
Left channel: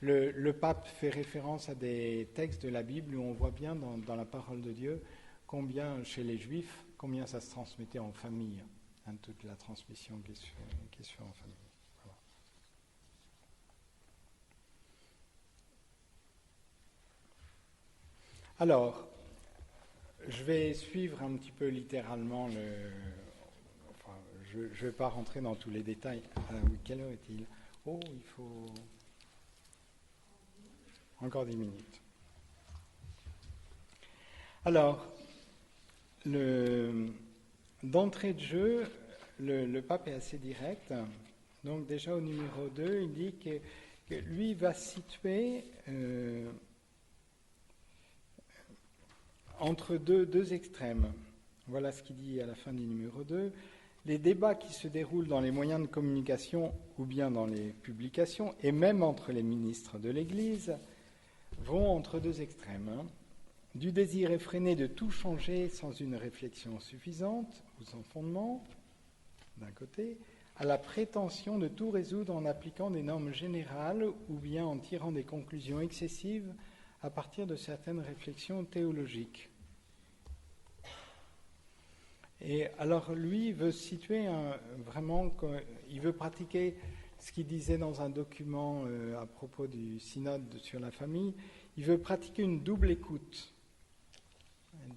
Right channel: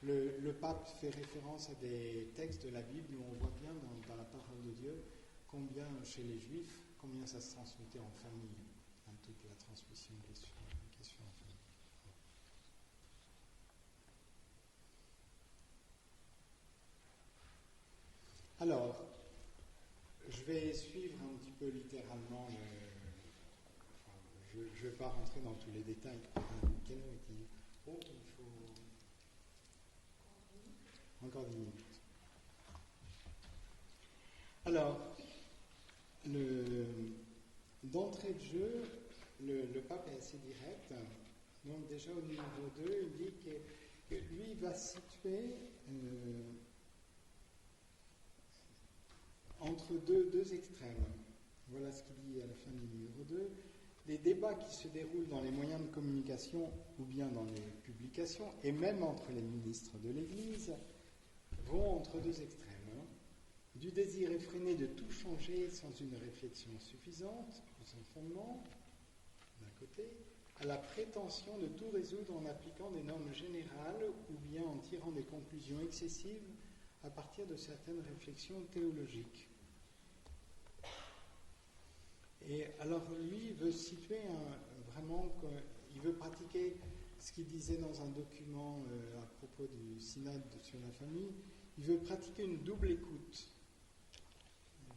Le pape fait référence à des textes de la Bible où on voit bien dans la parole de Dieu combien, chez les Juifs, combien ça se transmettait en famille, toute la transmission qui est sur en famille. Voilà. Alors, je vais suivre un petit peu littéralement je ne vais pas rentrer dans tous les détails. Quelle heure est-il ? Oh, il faut... Encore 10 minutes. Alors, d'entrée de jeu, le pape est assez direct. Donc déjà au numéro 2, il dit que lui va situer entre deux extrêmes. Voilà ce qu'il dit à la fin du numéro 2. Les débats qui se déroulent dans les moyens de communication ou bien dans les publications, et même entre les ministres de l'Église, vont entre deux extrêmes. Du désir effréné de tout changer sans une réflexion suffisante ou sans fondement, d'un côté, à la prétention de tout résoudre en appliquant des normes générales ou bien en tirant des conclusions excessives à partir de certaines réflexions théologiques. Et alors lui, il veut situer vraiment, il veut pratiquer ce qu'il disait dans un document à propos du synode sur la famille, il veut pratiquer une double écoute.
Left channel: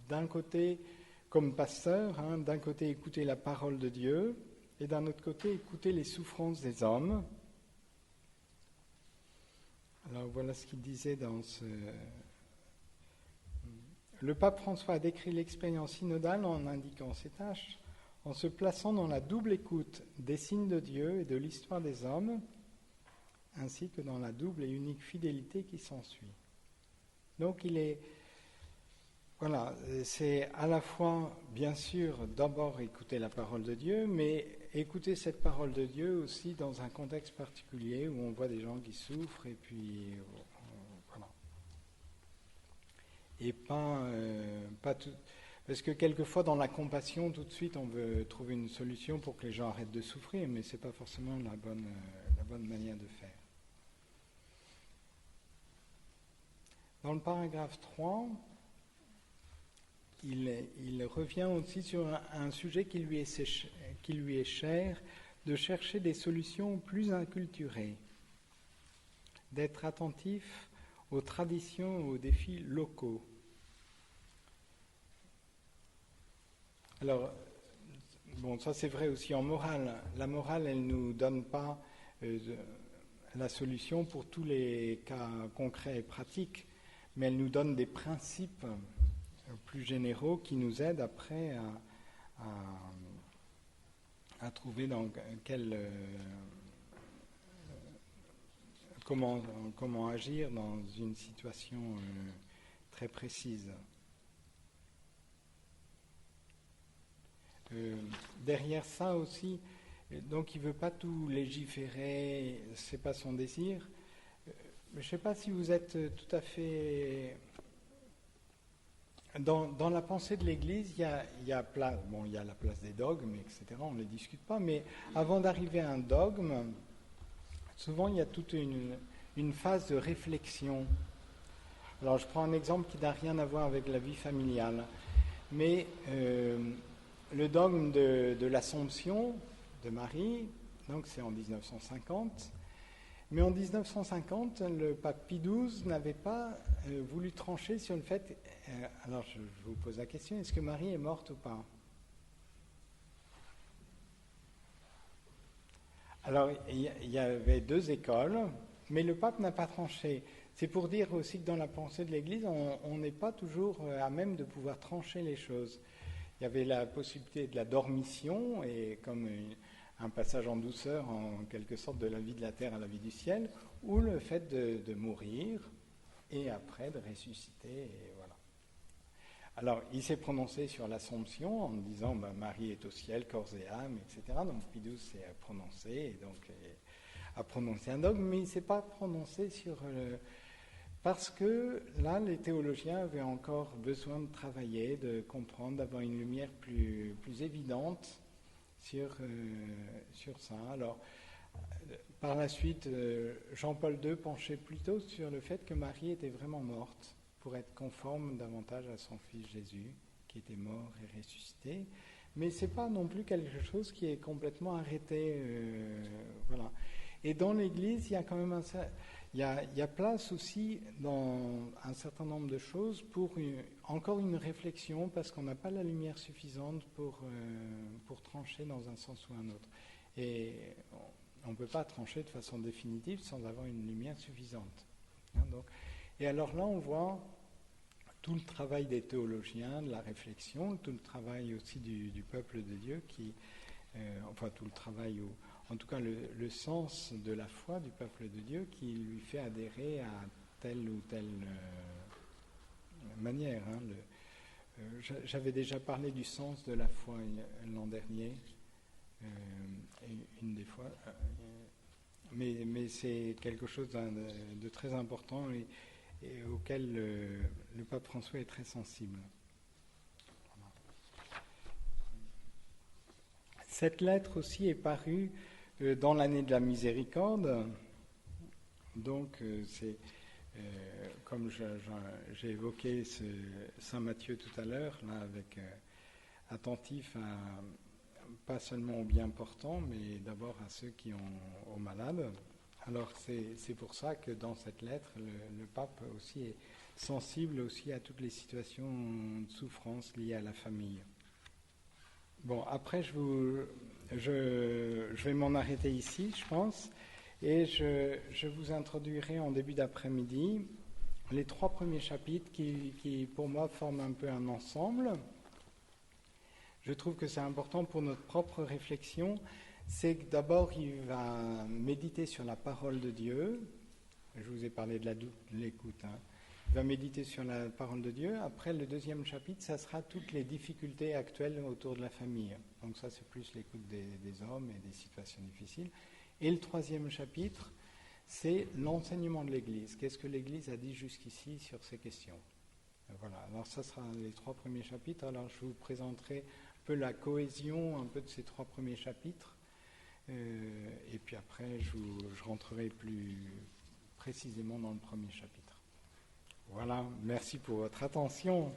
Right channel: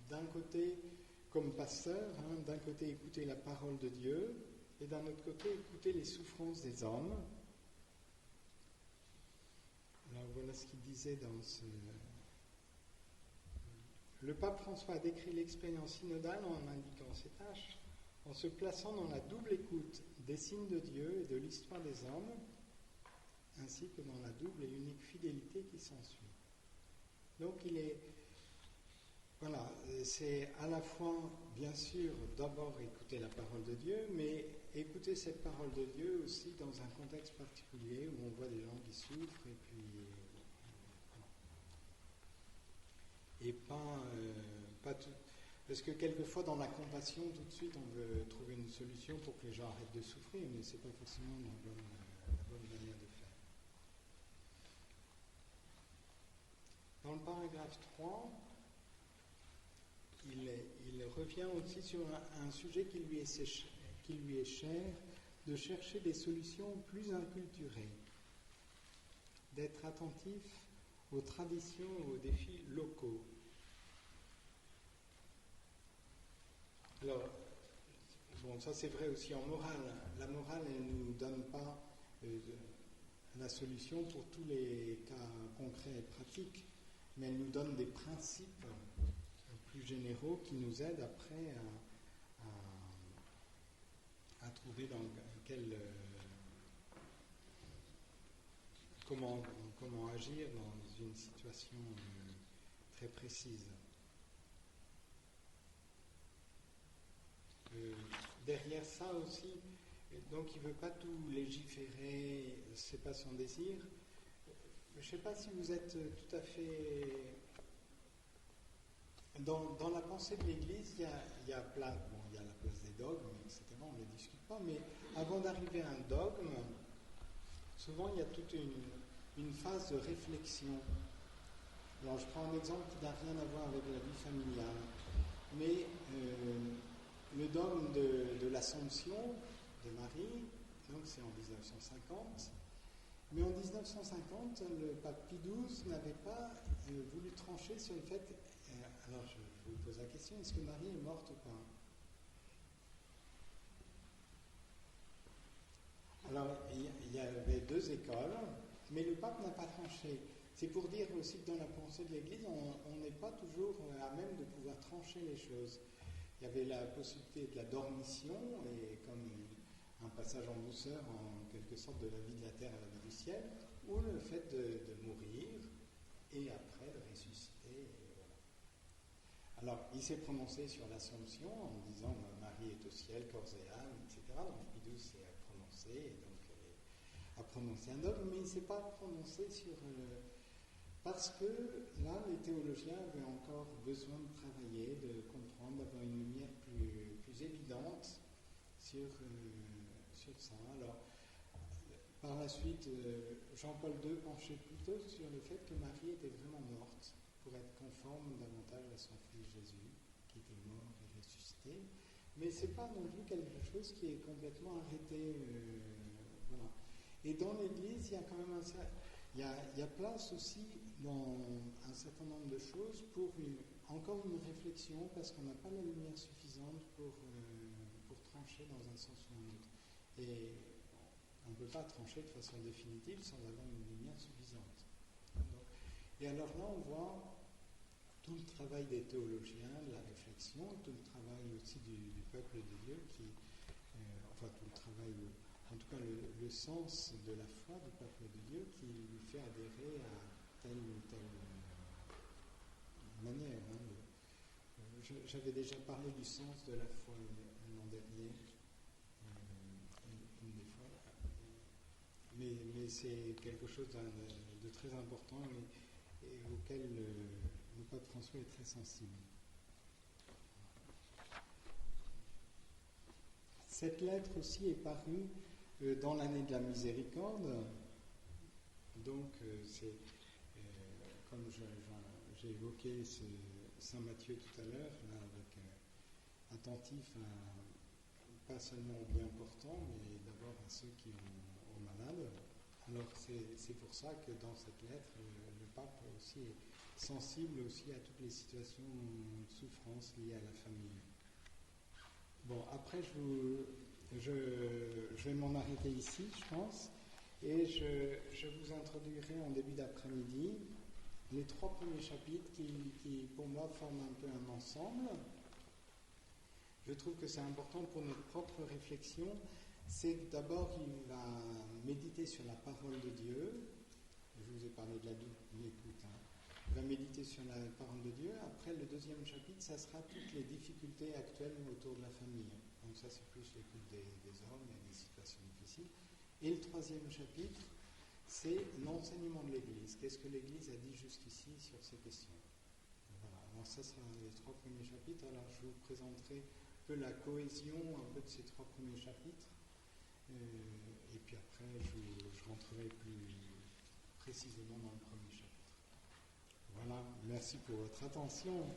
D'un côté, comme pasteur, d'un côté écouter la parole de Dieu, et d'un autre côté écouter les souffrances des hommes. Alors voilà ce qu'il disait dans ce... Le pape François a décrit l'expérience synodale en indiquant ses tâches, en se plaçant dans la double écoute des signes de Dieu et de l'histoire des hommes, ainsi que dans la double et unique fidélité qui s'ensuit. Donc c'est à la fois, bien sûr, d'abord écouter la parole de Dieu, mais écouter cette parole de Dieu aussi dans un contexte particulier où on voit des gens qui souffrent et puis voilà. Et pas tout, parce que quelquefois dans la compassion tout de suite on veut trouver une solution pour que les gens arrêtent de souffrir, mais c'est pas forcément la bonne manière de faire. Dans le paragraphe 3, il revient aussi sur un sujet qui lui est cher, de chercher des solutions plus inculturées, d'être attentif aux traditions et aux défis locaux. Alors, bon, ça c'est vrai aussi en morale. La morale, elle ne nous donne pas la solution pour tous les cas concrets et pratiques, mais elle nous donne des principes plus généraux qui nous aident après à trouver dans comment agir dans une situation très précise. Derrière ça aussi, donc il ne veut pas tout légiférer, c'est pas son désir. Je ne sais pas si vous êtes tout à fait... Dans la pensée de l'Église, il y a la place des dogmes, etc., on ne les discute pas, mais avant d'arriver à un dogme, souvent il y a toute une phase de réflexion. Alors je prends un exemple qui n'a rien à voir avec la vie familiale, mais le dogme de l'Assomption de Marie, donc c'est en 1950, mais en 1950, le pape Pie XII n'avait pas voulu trancher sur le fait... alors je vous pose la question, est-ce que Marie est morte ou pas? Alors il y avait deux écoles, mais le pape n'a pas tranché. C'est pour dire aussi que dans la pensée de l'Église, on n'est pas toujours à même de pouvoir trancher les choses. Il y avait la possibilité de la dormition, et comme un passage en douceur, en quelque sorte, de la vie de la terre à la vie du ciel, ou le fait de mourir, et après de ressusciter, et voilà. Alors, il s'est prononcé sur l'Assomption, en disant Marie est au ciel, corps et âme, etc. Donc, Pie XII s'est prononcé, et donc a prononcé un dogme, mais il ne s'est pas prononcé sur... parce que là, les théologiens avaient encore besoin de travailler, de comprendre, d'avoir une lumière plus évidente sur ça. Alors, par la suite, Jean-Paul II penchait plutôt sur le fait que Marie était vraiment morte pour être conforme davantage à son fils Jésus, qui était mort et ressuscité. Mais ce n'est pas non plus quelque chose qui est complètement arrêté. Voilà. Et dans l'Église, il y a quand même il y a place aussi dans un certain nombre de choses pour encore une réflexion, parce qu'on n'a pas la lumière suffisante pour trancher dans un sens ou un autre. Et on ne peut pas trancher de façon définitive sans avoir une lumière suffisante. Et alors là, on voit tout le travail des théologiens, de la réflexion, tout le travail aussi du peuple de Dieu, enfin tout le travail, en tout cas le sens de la foi du peuple de Dieu qui lui fait adhérer à telle ou telle manière. J'avais déjà parlé du sens de la foi l'an dernier, une des fois, mais c'est quelque chose de très important et auquel le pape François est très sensible. Cette lettre aussi est parue dans l'année de la miséricorde, donc c'est comme j'ai évoqué Saint Matthieu tout à l'heure, là, avec attentif pas seulement aux bien portants, mais d'abord à ceux qui ont aux malades. Alors c'est pour ça que dans cette lettre, le pape aussi est sensible aussi à toutes les situations de souffrance liées à la famille. Bon, après je vais m'en arrêter ici, je pense, et je vous introduirai en début d'après-midi les 3 premiers chapitres qui pour moi forment un peu un ensemble. Je trouve que c'est important pour notre propre réflexion. C'est que d'abord, il va méditer sur la parole de Dieu. Je vous ai parlé de l'écoute. il va méditer sur la parole de Dieu. Après, le deuxième chapitre, ça sera toutes les difficultés actuelles autour de la famille. Donc ça, c'est plus l'écoute des hommes et des situations difficiles. Et le troisième chapitre, c'est l'enseignement de l'Église. Qu'est-ce que l'Église a dit jusqu'ici sur ces questions? Voilà, alors ça sera les 3 premiers chapitres. Alors je vous présenterai un peu la cohésion un peu de ces 3 premiers chapitres. Et puis après, je rentrerai plus précisément dans le premier chapitre. Voilà, merci pour votre attention.